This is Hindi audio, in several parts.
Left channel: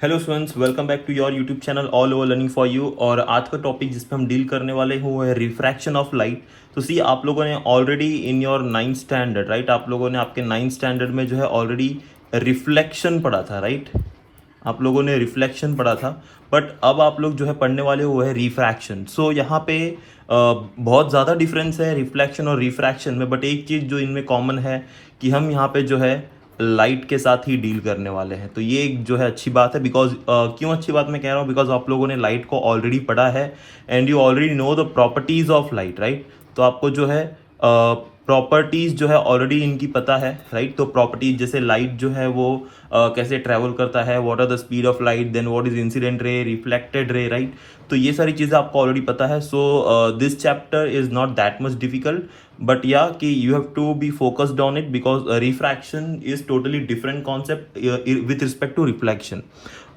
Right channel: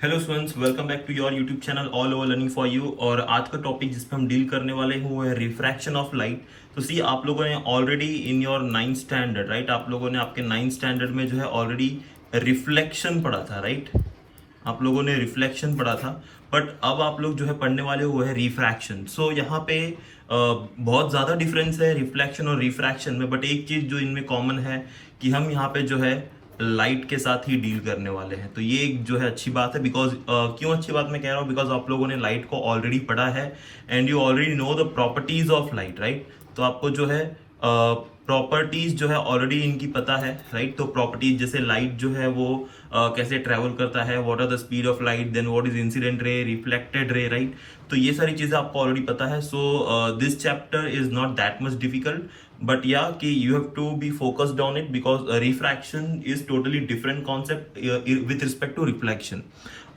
Hello students, welcome back to your YouTube channel all over learning for you. और आज का टॉपिक जिस पे हम डील करने वाले हैं वो है रिफ्रैक्शन ऑफ लाइट। तो सी, आप लोगों ने already in your 9th standard, right, आप लोगों ने आपके 9th स्टैंडर्ड में जो है ऑलरेडी रिफ्लेक्शन पढ़ा था, राइट। आप लोगों ने रिफ्लेक्शन पढ़ा था, बट अब आप लोग जो है पढ़ने वाले हो वो है रिफ्रैक्शन। सो यहाँ पे बहुत ज़्यादा डिफरेंस है रिफ्लेक्शन और रिफ्रैक्शन में, बट एक चीज़ जो इनमें कॉमन है कि हम यहाँ पे जो है लाइट के साथ ही डील करने वाले हैं। तो ये एक जो है अच्छी बात है, बिकॉज क्यों अच्छी बात मैं कह रहा हूँ, बिकॉज आप लोगों ने लाइट को ऑलरेडी पढ़ा है and you already know the properties of light, right. तो आपको जो है प्रॉपर्टीज जो है ऑलरेडी इनकी पता है, राइट। तो प्रॉपर्टीज जैसे लाइट जो है वो कैसे ट्रेवल करता है, what are the speed of light, then what is incident ray, reflected ray, right. तो ये सारी चीजें आपको ऑलरेडी पता है। So this chapter is not that much difficult, but या कि you have to be focused on it because refraction is totally different concept with respect to reflection.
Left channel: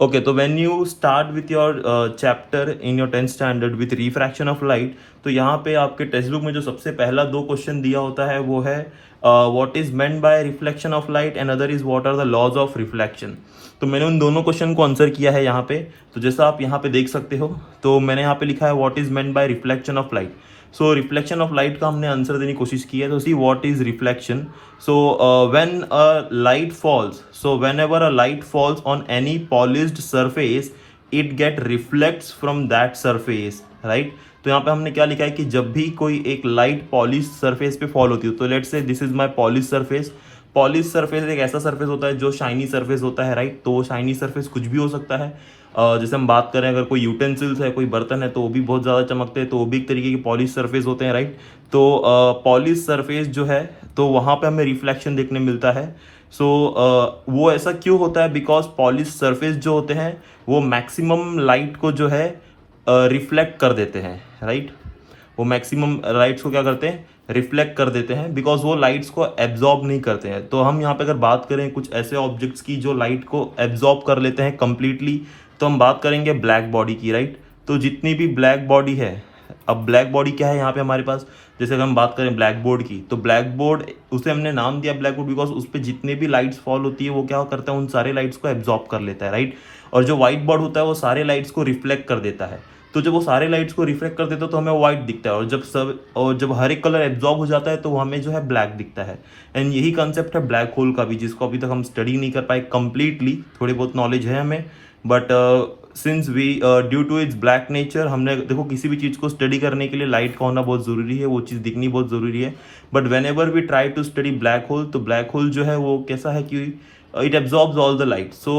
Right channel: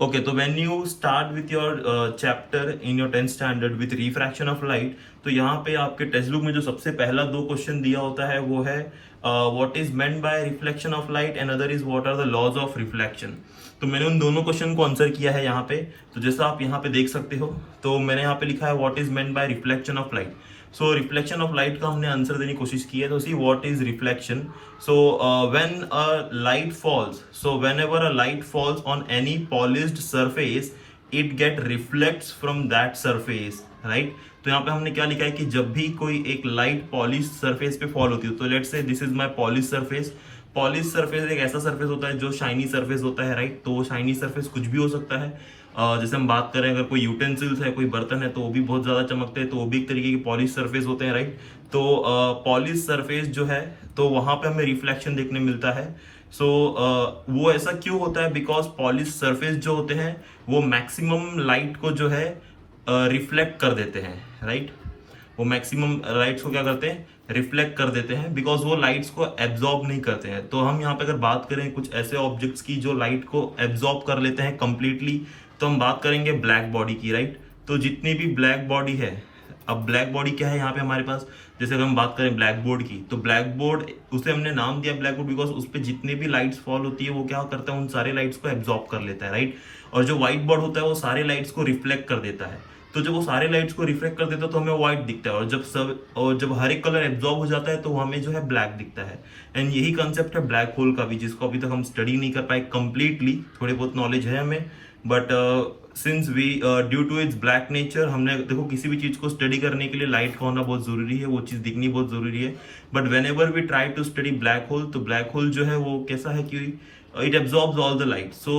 Okay, तो when you start with your chapter in your 10th standard with refraction of light, तो यहाँ पे आपके टेक्स्ट बुक में जो सबसे पहला दो क्वेश्चन दिया होता है वो है what is meant by reflection of light and other is what are the laws of reflection. तो मैंने उन दोनों क्वेश्चन को आंसर किया है यहाँ पे। तो जैसा आप यहाँ पे देख सकते हो, तो मैंने यहाँ पे लिखा है what is meant by reflection of light. So reflection of light का हमने आंसर देने की कोशिश की है। तो see what is reflection. So when a light falls, so whenever a light falls on any polished surface it get reflects from that surface, right. तो यहाँ पे हमने क्या लिखा है कि जब भी कोई एक लाइट पॉलिश सरफेस पे फॉल होती है, तो let's say this is my polish surface. Polish surface एक ऐसा सरफेस होता है जो शाइनी सरफेस होता है, राइट। तो वो शाइनी सरफेस कुछ भी हो सकता है। जैसे हम बात करें, अगर कोई यूटेंसिल्स है, कोई बर्तन है, तो वो भी बहुत ज़्यादा चमकते हैं, तो वो भी एक तरीके की पॉलिश सरफेस होते हैं, राइट। तो पॉलिश सरफेस जो है, तो वहाँ पे हमें रिफ्लेक्शन देखने मिलता है। सो वो ऐसा क्यों होता है, बिकॉज पॉलिश सरफेस जो होते हैं वो मैक्सिमम लाइट को जो है रिफ्लेक्ट कर देते हैं, राइट। वो मैक्सिमम लाइट्स को क्या करते हैं, रिफ्लेक्ट कर देते हैं, बिकॉज वो लाइट्स को एब्जॉर्ब नहीं करते हैं। तो हम यहाँ पे अगर बात करें कुछ ऐसे ऑब्जेक्ट्स की जो लाइट को एब्जॉर्ब कर लेते हैं कंप्लीटली, तो हम बात करेंगे ब्लैक बॉडी की, राइट। तो जितनी भी ब्लैक बॉडी है, अब ब्लैक बॉडी क्या है यहाँ पे हमारे पास, जैसे अगर हम बात करें ब्लैक बोर्ड की, तो ब्लैक बोर्ड, उसे हमने नाम दिया ब्लैक बोर्ड बिकॉज उस पर जितने भी लाइट्स फॉल होती है वो क्या करता है, उन सारे लाइट्स को एब्जॉर्ब कर लेता है, राइट। और जो व्हाइट बोर्ड होता है वो सारे लाइट्स को रिफ्लेक्ट कर देता है। तो जब वो सारे लाइट्स को रिफ्लेक्ट कर देता है तो हमें व्हाइट दिखता है, और जब हर एक कलर एब्जॉर्ब हो जाता है तो हमें जो है ब्लैक दिखता है। एंड यही कंसेप्ट है ब्लैक होल का भी, जिसको अभी तक हम स्टडी नहीं कर पाए कंप्लीटली। थोड़ी बहुत नॉलेज है हमें, but since we due to its black nature, हमने देखो किसी भी चीज को स्टडी करने के लिए लाइट का होना बहुत जरूरी है, वो चीज दिखनी बहुत जरूरी है। But whenever we try to study black hole, तो ब्लैक होल जो है वो कैसा है कि it absorbs all the light, so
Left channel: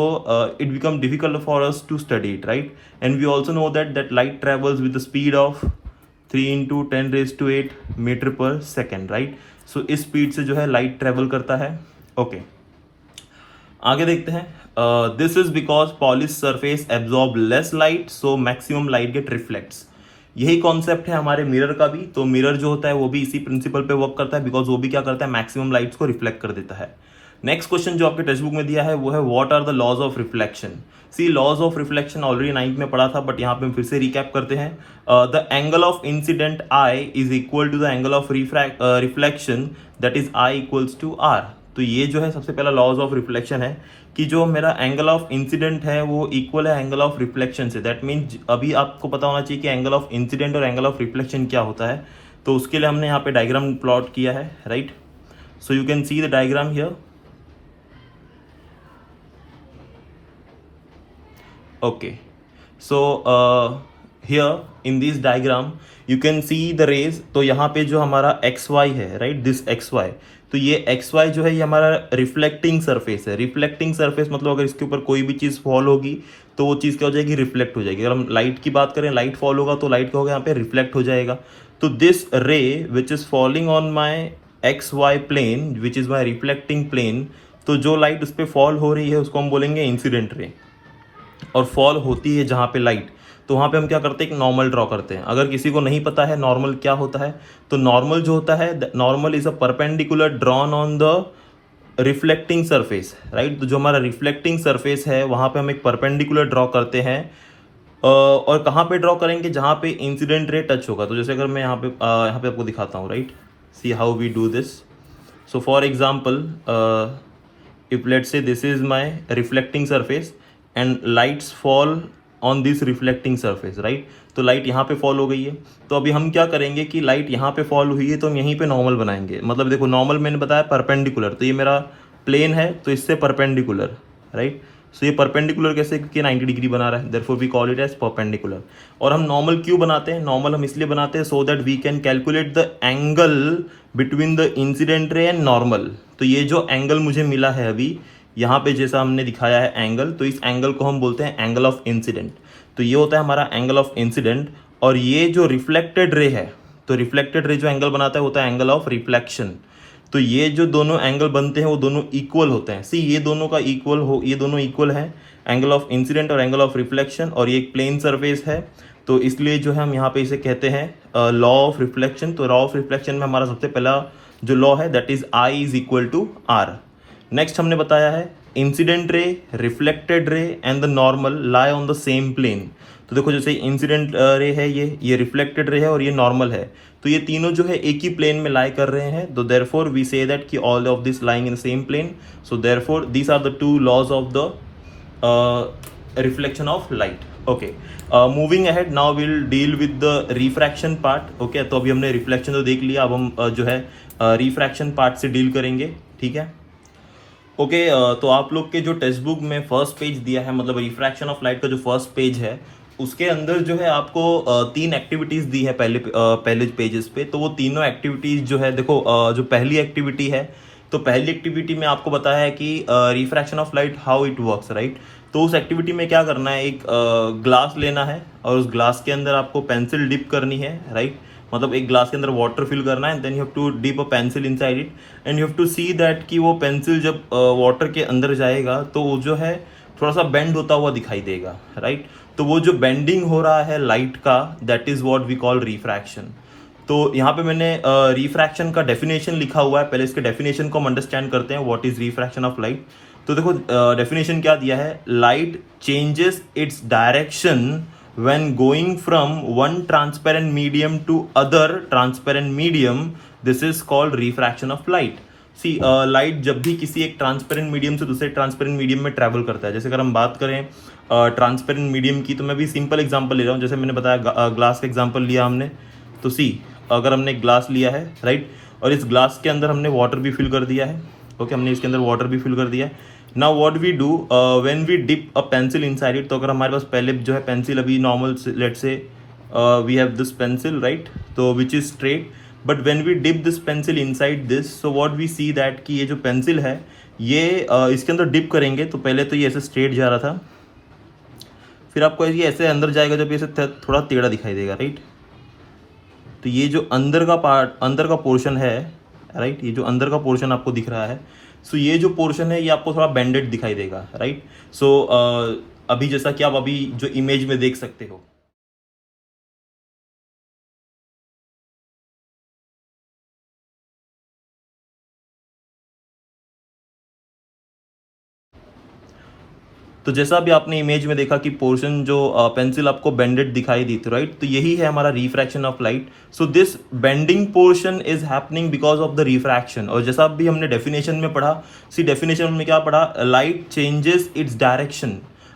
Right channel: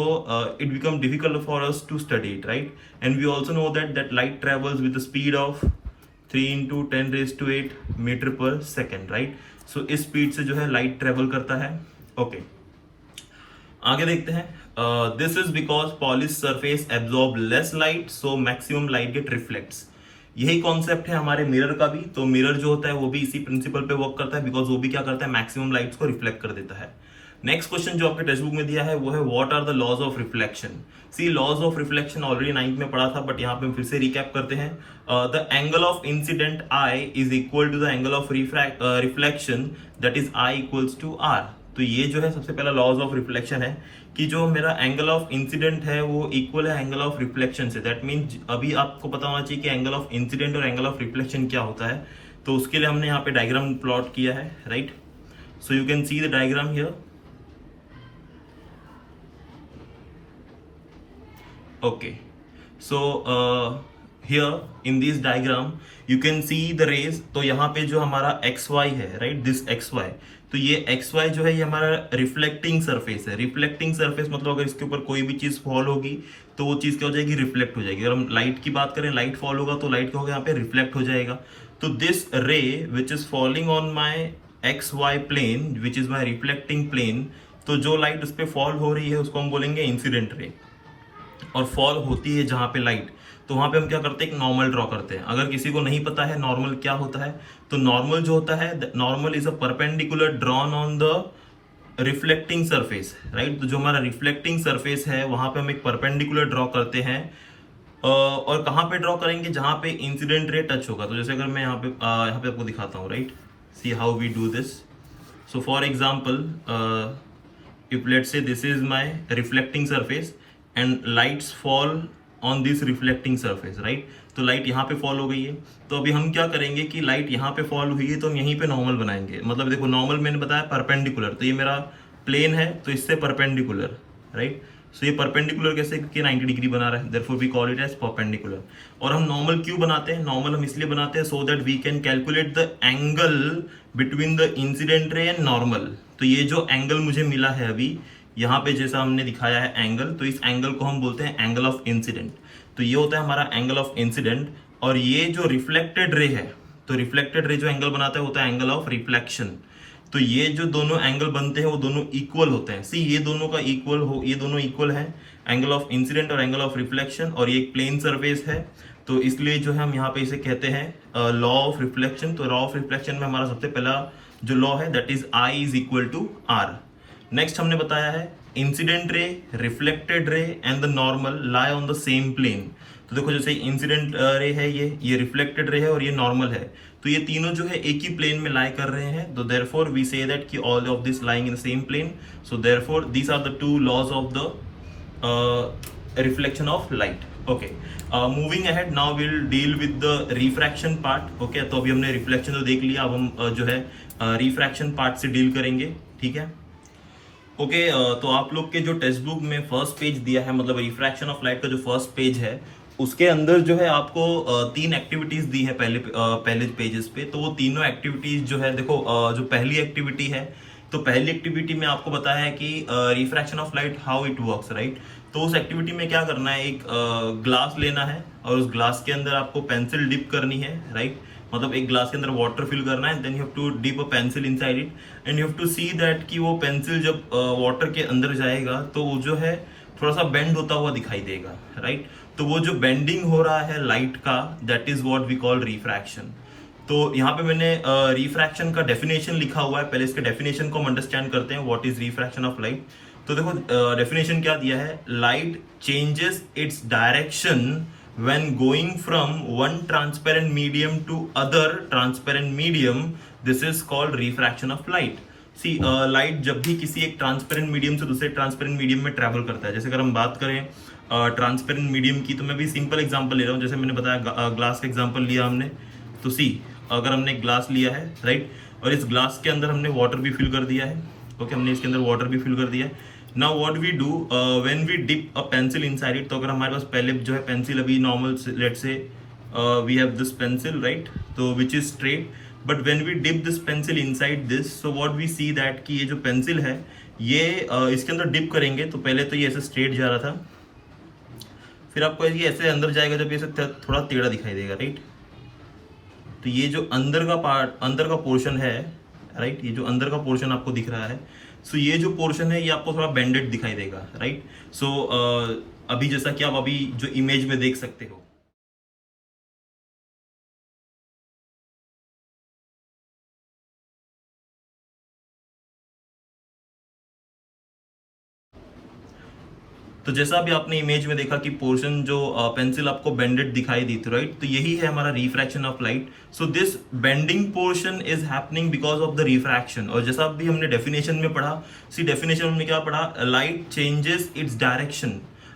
it becomes difficult for us to study it, right. And we also know that light travels with the speed of 3 into 10 raised to 8 meter per second, right. So इस स्पीड से जो है लाइट ट्रेवल करता है। ओके, आगे देखते हैं। This is because polish surface absorb less light, so maximum light get reflects. यही कॉन्सेप्ट है हमारे मिरर का भी। तो मिरर जो होता है वो भी इसी प्रिंसिपल पे वर्क करता है, बिकॉज वो भी क्या करता है, मैक्सिमम लाइट्स को रिफ्लेक्ट कर देता है। नेक्स्ट क्वेश्चन जो आपके टेक्स्ट बुक में दिया है वो है what are the laws of reflection. See, laws of reflection already 9th में पढ़ा था, बट यहाँ पे हम फिर से रिकैप करते हैं। The angle of incident I is equal to the angle of reflection, that is I equals to R. तो ये जो है सबसे पहला लॉज ऑफ रिफ्लेक्शन है कि जो मेरा एंगल ऑफ इंसिडेंट है वो इक्वल है एंगल ऑफ रिफ्लेक्शन से। दैट मीन्स अभी आपको पता होना चाहिए कि एंगल ऑफ इंसिडेंट और एंगल ऑफ रिफ्लेक्शन क्या होता है। तो उसके लिए हमने यहाँ पे डायग्राम प्लॉट किया है, right. So you can see the diagram here. Okay, so here in this diagram you can see the rays। तो यहाँ पे जो हमारा XY है, right, this XY, तो ये XY जो है ये हमारा रिफ्लेक्टिंग सरफेस है। रिफ्लेक्टिंग सरफेस मतलब अगर इसके ऊपर कोई भी चीज फॉल होगी तो वो चीज क्या हो जाएगी, रिफ्लेक्ट हो जाएगी। अगर हम लाइट की बात करें, लाइट फॉल होगा तो लाइट क्या होगा, यहाँ पे रिफ्लेक्ट हो जाएगा। तो this ray which is falling on my XY plane which is my reflecting plane, तो जो लाइट उस पर फॉल हो रही है उसको हम बोलेंगे इंसिडेंट रे। और फॉल होती है जहां पे लाइट, तो वहां पे हम क्या करते हैं, एक नॉर्मल ड्रॉ करते हैं। अगर किसी को नहीं पता है नॉर्मल क्या होता है, तो नॉर्मल जो होता है, normal is a perpendicular drawn on the reflecting surface, right. तो जो हमारा रिफ्लेक्टिंग सरफेस है वहां पे हम एक परपेंडिकुलर ड्रॉ करते हैं। और कहाँ पे ड्रॉ करेंगे, जहां पे इंसिडेंट रे टच होगा। तो जैसे अगर मैं यहाँ पे आपको दिखाता हूँ, right, see how we do this. So for example, if let's say this is my reflecting surface and lights fall on this reflecting surface, right. तो लाइट यहाँ पे फॉल हो गई है, तो अभी हम क्या करेंगे कि लाइट यहाँ पे फॉल हुई है तो हम यहीं पे नॉर्मल बनाएंगे। मतलब देखो नॉर्मल मैंने बताया परपेंडिकुलर, तो ये मेरा प्लेन है तो इससे परपेंडिकुलर, राइट। सो ये परपेंडिकुलर कैसे, क्योंकि 90 डिग्री बना रहा है, therefore we call it as perpendicular. और हम नॉर्मल क्यों बनाते हैं, नॉर्मल हम इसलिए बनाते हैं so that we can calculate the angle between the incident ray and normal. तो ये जो एंगल मुझे मिला है अभी यहाँ पे जैसा हमने दिखाया है एंगल, तो इस एंगल को हम बोलते हैं एंगल ऑफ इंसिडेंट। तो ये होता है हमारा एंगल ऑफ इंसिडेंट। और ये जो रिफ्लेक्टेड रे है, तो रिफ्लेक्टेड रे जो एंगल बनाता है होता है एंगल ऑफ रिफ्लेक्शन। तो ये जो दोनों एंगल बनते हैं वो दोनों इक्वल होते हैं। सी ये दोनों का इक्वल हो, ये दोनों इक्वल है, एंगल ऑफ इंसिडेंट और एंगल ऑफ रिफ्लेक्शन। और ये एक प्लेन सरफेस है, तो इसलिए जो है हम यहाँ पे इसे कहते हैं लॉ ऑफ रिफ्लेक्शन। तो लॉ ऑफ रिफ्लेक्शन में हमारा सबसे पहला जो लॉ है that is I is equal to R. Next हमने बताया है incident ray, reflected ray and the normal lie on the same plane. तो देखो जैसे इंसिडेंट रे है, ये रिफ्लेक्टेड रे है और ये नॉर्मल है, तो ये तीनों जो है एक ही प्लेन में लाई कर रहे हैं। तो देयरफॉर वी से दैट कि all of this lying in the same plane. So therefore these are the two laws of the reflection of light. Okay, moving ahead now will deal with the refraction part. Okay, तो अभी हमने रिफ्लेक्शन तो देख लिया, अब हम जो है रिफ्रैक्शन पार्ट से डील करेंगे, ठीक है। ओके, तो आप लोग के जो टेक्स्ट बुक में फर्स्ट पेज दिया है, मतलब रिफ्रैक्शन ऑफ लाइट का जो फर्स्ट पेज है, उसके अंदर जो है आपको 3 एक्टिविटीज दी है पहले पेजेस पे। तो वो तीनों एक्टिविटीज जो है देखो, जो पहली एक्टिविटी है, तो पहली एक्टिविटी में आपको बताया है कि refraction of light how it works, right. तो उस एक्टिविटी में क्या करना है, एक ग्लास लेना है और उस ग्लास के अंदर आपको पेंसिल डिप करनी है, राइट। मतलब एक ग्लास के अंदर वाटर फिल करना है, then you have to dip a pencil inside it and you have to see that कि वो पेंसिल जब वाटर के अंदर जाएगा तो वो जो है थोड़ा सा बेंड होता हुआ दिखाई देगा, राइट। तो वो जो बेंडिंग हो रहा है लाइट का, that is what we call refraction. तो यहाँ पे मैंने रिफ्रैक्शन का डेफिनेशन लिखा हुआ है, पहले इसके डेफिनेशन को हम अंडरस्टैंड करते हैं, what is refraction of light. तो देखो डेफिनेशन क्या दिया है, light changes its direction when going from one transparent medium to other transparent medium, this is called refraction of light. See, light जब भी किसी एक ट्रांसपेरेंट मीडियम से दूसरे ट्रांसपेरेंट मीडियम में ट्रैवल करता है, जैसे अगर हम बात करें ट्रांसपेरेंट मीडियम की, तो मैं भी सिंपल एग्जांपल ले रहा हूँ, जैसे मैंने बताया ग्लास का एग्जांपल लिया हमने। तो सी, अगर हमने ग्लास लिया है, राइट, और इस ग्लास के अंदर हमने वाटर भी फिल कर दिया है, ओके, हमने इसके अंदर वाटर भी फिल कर दिया है। Now what we do when we dip a pencil inside it, तो अगर हमारे पास पहले जो है पेंसिल अभी normal, let's say we have this pencil, right, तो which is straight, but when we dip this pencil inside this, so what we see that कि ये जो पेंसिल है ये इसके अंदर डिप करेंगे, तो पहले तो ये ऐसे स्ट्रेट जा रहा था, फिर आपको ये ऐसे अंदर जाएगा जब ये ऐसे थोड़ा टेढ़ा दिखाई देगा, राइट। तो ये जो अंदर का पार्ट, अंदर का पोर्शन है, राइट, ये जो अंदर का पोर्शन आपको दिख रहा है, सो ये जो पोर्शन है ये आपको थोड़ा बेंडेड दिखाई देगा, राइट। सो अभी जैसा कि आप अभी जो इमेज में देख सकते हो। तो जैसा अभी आपने इमेज में देखा कि पोर्शन जो पेंसिल आपको बेंडेड दिखाई दी थी, राइट, तो यही है हमारा refraction of light. So this bending portion is happening because of the refraction. और जैसा अभी हमने डेफिनेशन में पढ़ा, सी डेफिनेशन में क्या पढ़ा, light changes its direction.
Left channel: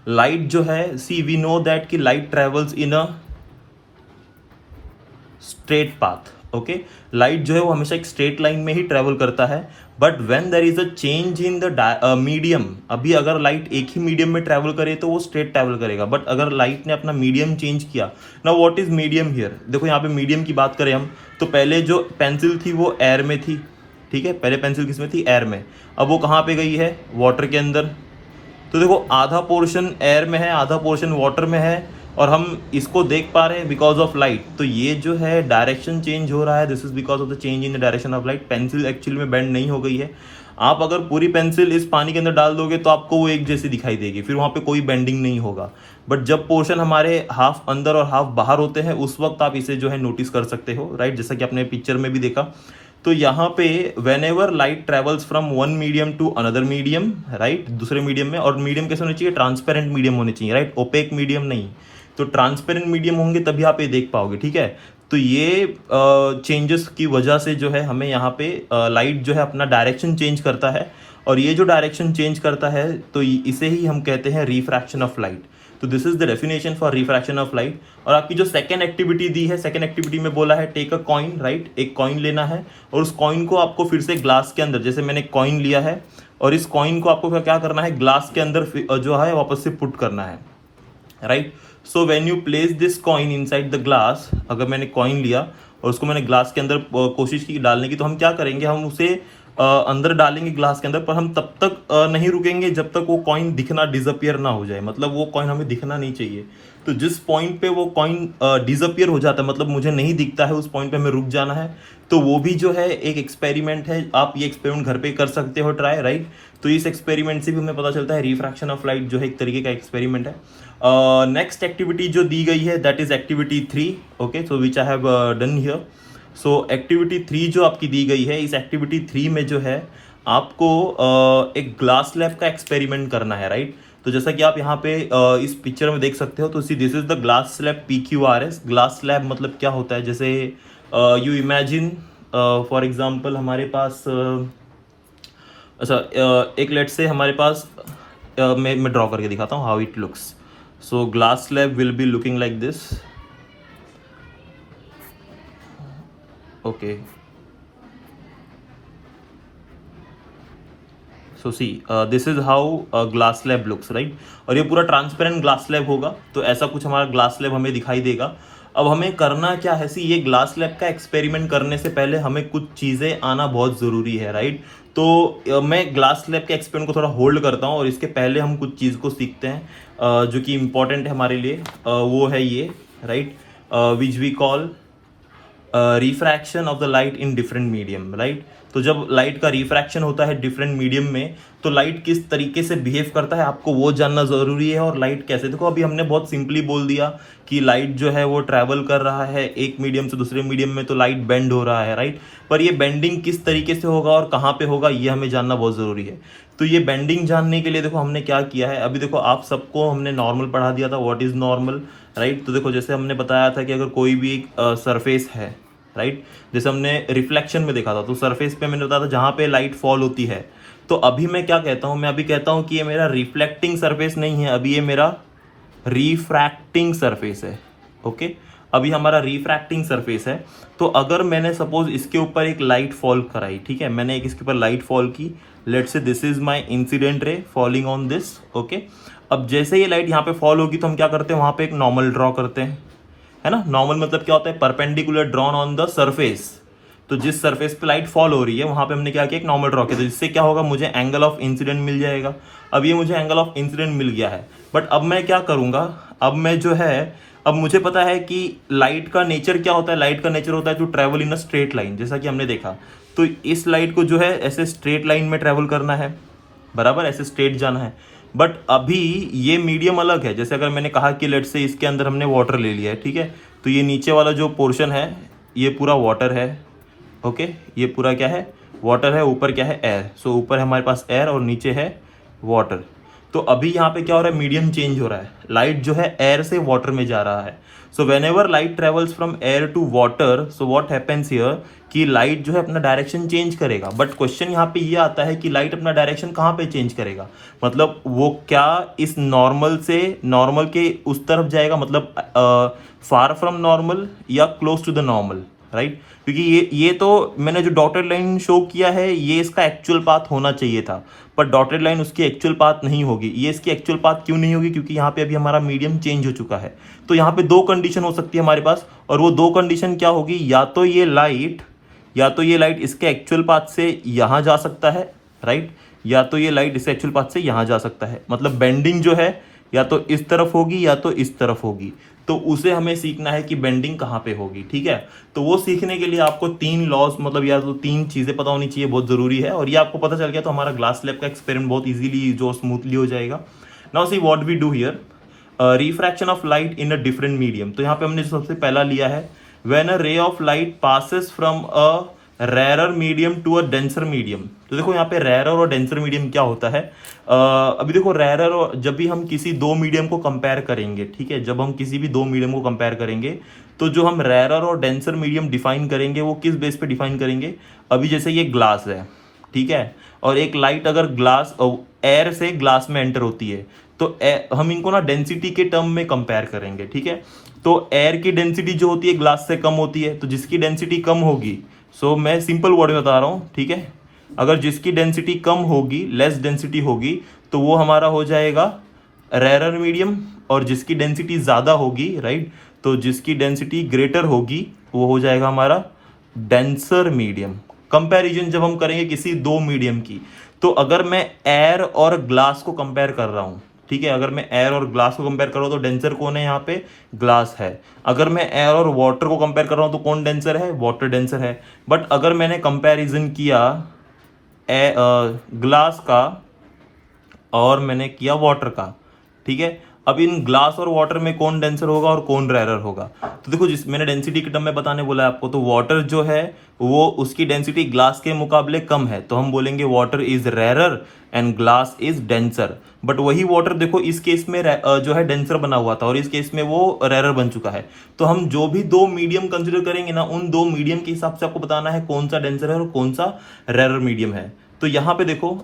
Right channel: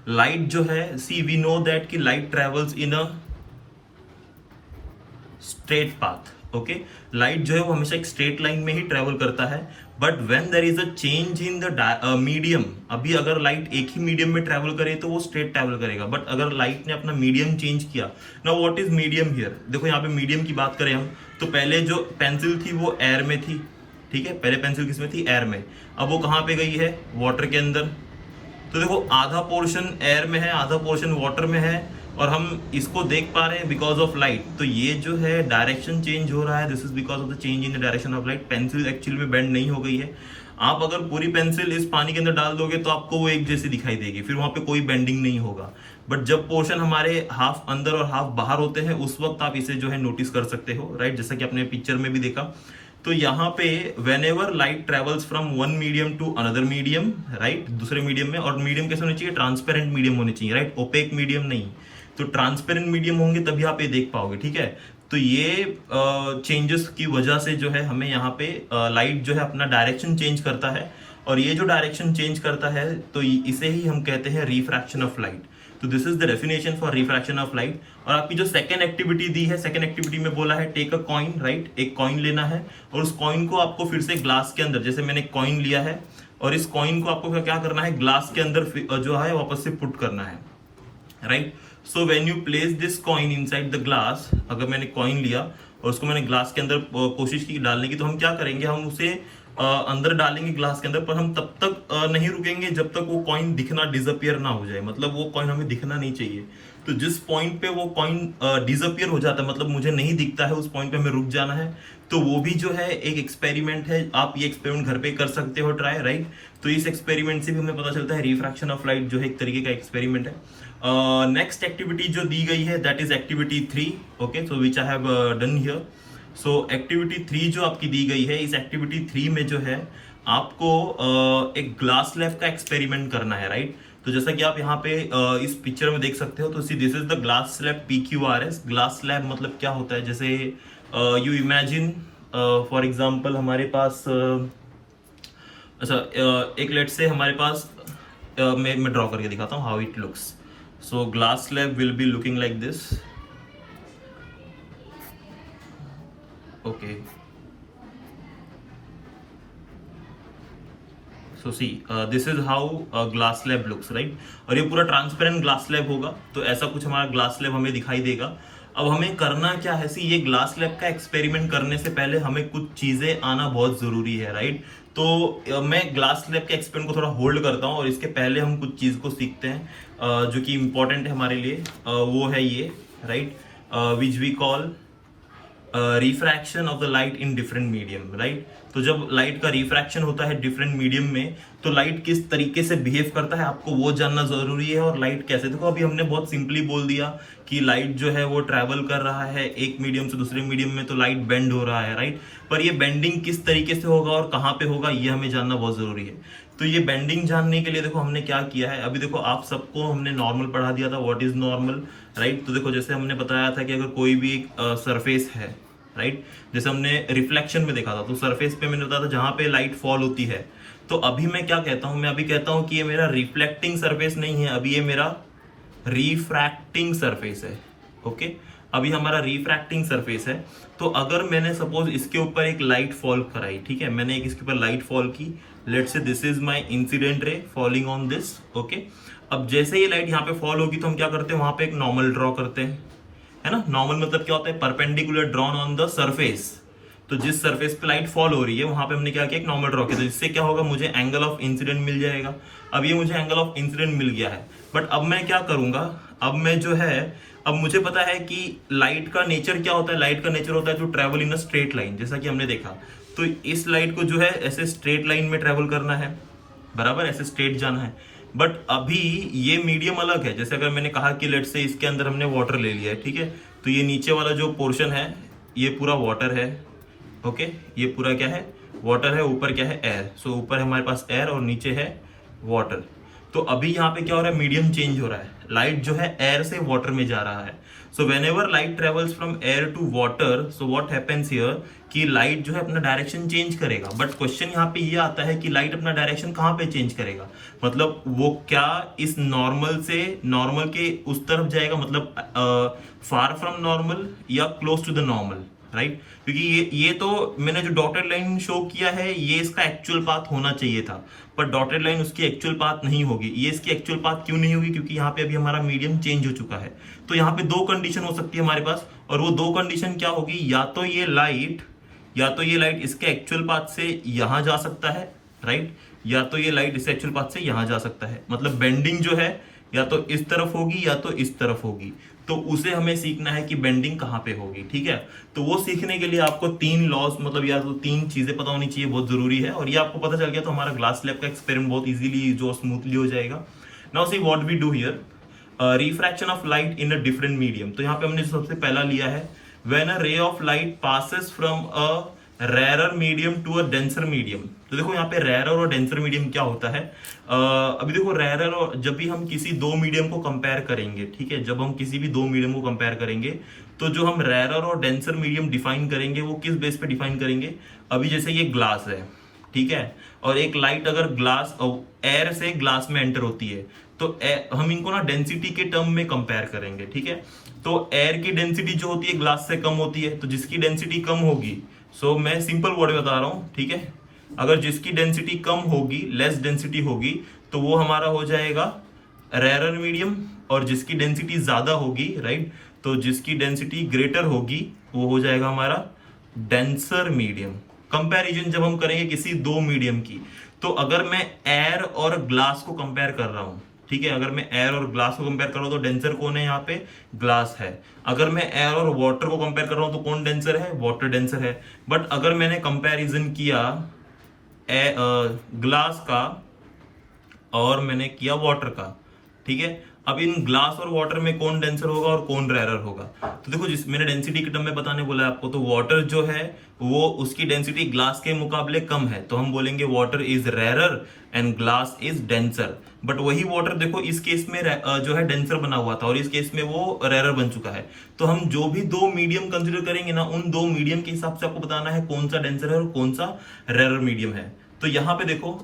Light जो है, सी वी नो दैट कि light travels in a straight path, okay. Light जो है वो हमेशा एक स्ट्रेट लाइन में ही ट्रेवल करता है, but when there is a change in the medium, अभी अगर लाइट एक ही मीडियम में ट्रेवल करे तो वो स्ट्रेट ट्रेवल करेगा, बट अगर लाइट ने अपना मीडियम चेंज किया, now what is medium here, देखो यहाँ पे मीडियम की बात करें हम, तो पहले जो पेंसिल थी वो एयर में थी, ठीक है, पहले पेंसिल किसमें थी, एयर में, अब वो कहाँ पे गई है, वाटर के अंदर। तो देखो आधा पोर्शन एयर में है, आधा पोर्शन वाटर में है, और हम इसको देख पा रहे हैं बिकॉज ऑफ लाइट। तो ये जो है डायरेक्शन चेंज हो रहा है, this is because of the change in the direction of light. Pencil actually में बेंड नहीं हो गई है। आप अगर पूरी पेंसिल इस पानी के अंदर डाल दोगे तो आपको वो एक जैसी दिखाई देगी, फिर वहां पे कोई बेंडिंग नहीं होगा। बट जब पोर्शन हमारे हाफ अंदर और हाफ बाहर होते हैं, उस वक्त आप इसे जो है नोटिस कर सकते हो, राइट, जैसा कि आपने पिक्चर में भी देखा। तो यहाँ पे whenever light travels from one medium to another medium, right, दूसरे मीडियम में, और मीडियम कैसे होनी चाहिए, ट्रांसपेरेंट मीडियम होनी चाहिए, राइट, ओपेक मीडियम नहीं। तो ट्रांसपेरेंट मीडियम होंगे तभी आप ये देख पाओगे, ठीक है। तो ये चेंजेस की वजह से जो है हमें यहाँ पे लाइट जो है अपना डायरेक्शन चेंज करता है, और ये जो डायरेक्शन चेंज करता है तो इसे ही हम कहते हैं रिफ्रैक्शन ऑफ लाइट। तो this is the definition for refraction of light. और आपकी जो सेकंड एक्टिविटी दी है, सेकंड एक्टिविटी में बोला है टेक अ कॉइन, राइट, एक कॉइन लेना है और उस कॉइन को आपको फिर से ग्लास के अंदर, जैसे मैंने कॉइन लिया है और इस कॉइन को आपको क्या करना है, ग्लास के अंदर जो है वापस से पुट करना है, right. So when you place this coin inside the glass, अगर मैंने कॉइन लिया और उसको मैंने ग्लास के अंदर कोशिश की डालने की, तो हम क्या करेंगे, हम उसे अंदर डालेंगे ग्लास के अंदर, पर हम तब तक नहीं रुकेंगे जब तक वो कॉइन दिखना डिसअपियर ना हो जाए, मतलब वो कॉइन हमें दिखना नहीं चाहिए। तो जिस पॉइंट पे वो कॉइन डिसअपियर हो जाता है, मतलब मुझे नहीं दिखता है, उस पॉइंट पे हमें रुक जाना है। तो वो भी जो है एक एक्सपेरिमेंट है, आप ये एक्सपेरिमेंट घर पे कर सकते हो ट्राई, राइट। तो इस एक्सपेरिमेंट से भी हमें पता चलता है रिफ्रैक्शन ऑफ लाइट जो है एक तरीके का एक्सपेरिमेंट है। नेक्स्ट एक्टिविटी जो दी गई है that is activity 3, okay, so which I have done here. So activity 3 जो आपकी दी गई है, इस एक्टिविटी 3 में जो है आपको एक ग्लास लैब का एक्सपेरिमेंट करना है, राइट। तो जैसा कि आप यहाँ पे इस पिक्चर में देख सकते हो, तो see this is the glass slab PQRS। Glass slab मतलब क्या होता है, जैसे यू इमेजिन फॉर एग्जांपल हमारे पास एक लेट से हमारे पास मैं ड्रॉ करके दिखाता हूँ how it looks. So glass slab will be looking like this, okay. So see this is how glass slab looks, right. और ये पूरा ट्रांसपेरेंट ग्लास स्लैब होगा, तो ऐसा कुछ हमारा ग्लास स्लैब हमें दिखाई देगा। अब हमें करना क्या है, सी ये ग्लास स्लैब का एक्सपेरिमेंट करने से पहले हमें कुछ चीजें आना बहुत जरूरी है, राइट। तो मैं ग्लास स्लैब के एक्सपेरिमेंट को थोड़ा होल्ड करता हूँ और इसके पहले हम कुछ चीज को सीखते हैं जो कि इंपॉर्टेंट है हमारे लिए। वो है ये, right, which we call refraction of the light in different medium, right. तो जब लाइट का रिफ्रैक्शन होता है डिफरेंट मीडियम में, तो लाइट किस तरीके से बिहेव करता है आपको वो जानना जरूरी है। और लाइट कैसे, देखो अभी हमने बहुत सिंपली बोल दिया कि लाइट जो है वो ट्रैवल कर रहा है एक मीडियम से दूसरे मीडियम में, तो लाइट बेंड हो रहा है, राइट। पर ये बेंडिंग किस तरीके से होगा और कहाँ पे होगा ये हमें जानना बहुत जरूरी है। तो ये बेंडिंग जानने के लिए देखो हमने क्या किया है, अभी देखो आप सबको हमने नॉर्मल पढ़ा दिया था, व्हाट इज नॉर्मल, राइट। तो देखो जैसे हमने बताया था कि अगर कोई भी सरफेस है, राइट, जैसे हमने रिफ्लेक्शन में देखा था, तो सरफेस पे मैंने बताया था जहां पे लाइट फॉल होती है। तो अभी मैं क्या कहता हूं, मैं अभी कहता हूं कि ये मेरा रिफ्लेक्टिंग सरफेस नहीं है, अभी ये मेरा रिफ्रैक्टिंग सरफेस है, ओके। अभी हमारा रिफ्रैक्टिंग सरफेस है। तो अगर मैंने सपोज इसके ऊपर एक लाइट फॉल कराई, ठीक है, मैंने एक इसके ऊपर लाइट फॉल की, let's say this is my incident ray falling on this, okay. अब जैसे ये लाइट यहाँ पे फॉल होगी तो हम क्या करते हैं, वहां पे एक नॉर्मल ड्रॉ करते हैं, है ना। नॉर्मल मतलब क्या होता है, perpendicular drawn on the surface. तो जिस सरफेस पे लाइट फॉल हो रही है वहां पे हमने क्या किया, एक नॉर्मल ड्रॉ किया, तो जिससे क्या होगा, मुझे एंगल ऑफ इंसिडेंट मिल जाएगा। अब ये मुझे एंगल ऑफ इंसिडेंट मिल गया है, बट अब मैं क्या करूंगा, अब मैं जो है, अब मुझे पता है कि लाइट का नेचर क्या होता है, लाइट का नेचर होता है to travel in a straight line, जैसा कि हमने देखा। तो इस लाइट को जो है ऐसे स्ट्रेट लाइन में ट्रेवल करना है, बराबर, ऐसे स्ट्रेट जाना है। बट अभी ये मीडियम अलग है, जैसे अगर मैंने कहा कि लेट से इसके अंदर हमने वाटर ले लिया है, ठीक है, तो ये नीचे वाला जो पोर्शन है ये पूरा वाटर है, ओके, ये पूरा क्या है, वाटर है, ऊपर क्या है, एयर। सो ऊपर है हमारे पास एयर और नीचे है वाटर। तो अभी यहाँ पे क्या हो रहा है, मीडियम चेंज हो रहा है, लाइट जो है एयर से वाटर में जा रहा है। So whenever light travels from air to water, so what happens here कि लाइट जो है अपना डायरेक्शन चेंज करेगा। बट क्वेश्चन यहाँ पे ये आता है कि लाइट अपना डायरेक्शन कहाँ पे चेंज करेगा, मतलब वो क्या इस नॉर्मल से, नॉर्मल के उस तरफ जाएगा, मतलब फार फ्रॉम नॉर्मल या close to the normal, right. क्योंकि ये तो मैंने जो डॉटेड लाइन शो किया है ये इसका एक्चुअल पाथ होना चाहिए था, पर डॉटेड लाइन उसकी एक्चुअल पाथ नहीं होगी। ये इसकी एक्चुअल पाथ क्यों नहीं होगी, क्योंकि यहाँ पे अभी हमारा मीडियम चेंज हो चुका है। तो यहाँ पे दो कंडीशन हो सकती है हमारे पास, और वो दो कंडीशन क्या होगी, या तो ये लाइट इसके एक्चुअल पाथ से यहां जा सकता है, राइट, या तो ये लाइट इसके एक्चुअल पाथ से यहां जा सकता है। मतलब बेंडिंग जो है या तो इस तरफ होगी या तो इस तरफ होगी। तो उसे हमें सीखना है कि बेंडिंग कहाँ पे होगी, ठीक है। तो वो सीखने के लिए आपको तीन लॉज, मतलब या तो तीन चीजें पता होनी चाहिए, बहुत जरूरी है। और ये आपको पता चल गया तो हमारा ग्लास स्लैब का एक्सपेरिमेंट बहुत इजीली जो स्मूथली हो जाएगा। Now see what we do here, refraction of light in a different medium. तो यहाँ पे हमने सबसे पहला लिया है, when a ray of light passes from a rare medium to a denser medium. तो देखो यहाँ पे रेयर और डेंसर मीडियम क्या होता है, अभी देखो रेयर और, जब भी हम किसी दो मीडियम को कंपेयर करेंगे, ठीक है, जब हम किसी भी दो मीडियम को कंपेयर करेंगे तो जो हम रेयर और डेंसर मीडियम डिफाइन करेंगे वो किस बेस पे डिफाइन करेंगे। अभी जैसे ये ग्लास है, ठीक है, और एक लाइट अगर ग्लास एयर से ग्लास में एंटर होती है तो हम इनको ना डेंसिटी के टर्म में कंपेयर करेंगे, ठीक है। तो एयर की डेंसिटी जो होती है ग्लास से कम होती है, तो जिसकी डेंसिटी कम होगी, सो मैं सिंपल वर्ड में बता रहा हूं, ठीक है, अगर जिसकी डेंसिटी कम होगी, लेस डेंसिटी होगी, तो वो हमारा हो जाएगा रेरर मीडियम, और जिसकी डेंसिटी ज्यादा होगी, राइट, तो जिसकी डेंसिटी ग्रेटर होगी वो हो जाएगा हमारा डेंसर मीडियम। कंपैरिजन जब हम करेंगे किसी दो मीडियम की, तो अगर मैं एयर और ग्लास को कंपेयर कर रहा हूं, ठीक है, अगर मैं एयर और ग्लास को कंपेयर कर रहा हूं तो डेंसर कौन है यहाँ पे, ग्लास है। अगर मैं एयर और वाटर को कंपेयर कर रहा हूं तो कौन डेंसर है, वाटर डेंसर है। बट अगर मैंने कंपैरिजन किया ग्लास का और मैंने किया वाटर का, ठीक है, अब इन ग्लास और वाटर में कौन डेंसर होगा और कौन रेरर होगा। तो देखो, जिस मैंने डेंसिटी के टर्म में बताने बोला है आपको, तो वाटर जो है वो उसकी डेंसिटी ग्लास के मुकाबले कम है, तो हम बोलेंगे water is rarer and glass is denser. But वही वाटर देखो इस केस में जो है डेंसर बना हुआ था और इस केस में वो रेरर बन चुका है। तो हम जो भी दो मीडियम कंसिडर करेंगे ना, उन दो मीडियम के हिसाब से आपको बताना है कौन सा डेंसर है और कौन सा रेरर मीडियम है। तो यहाँ पे देखो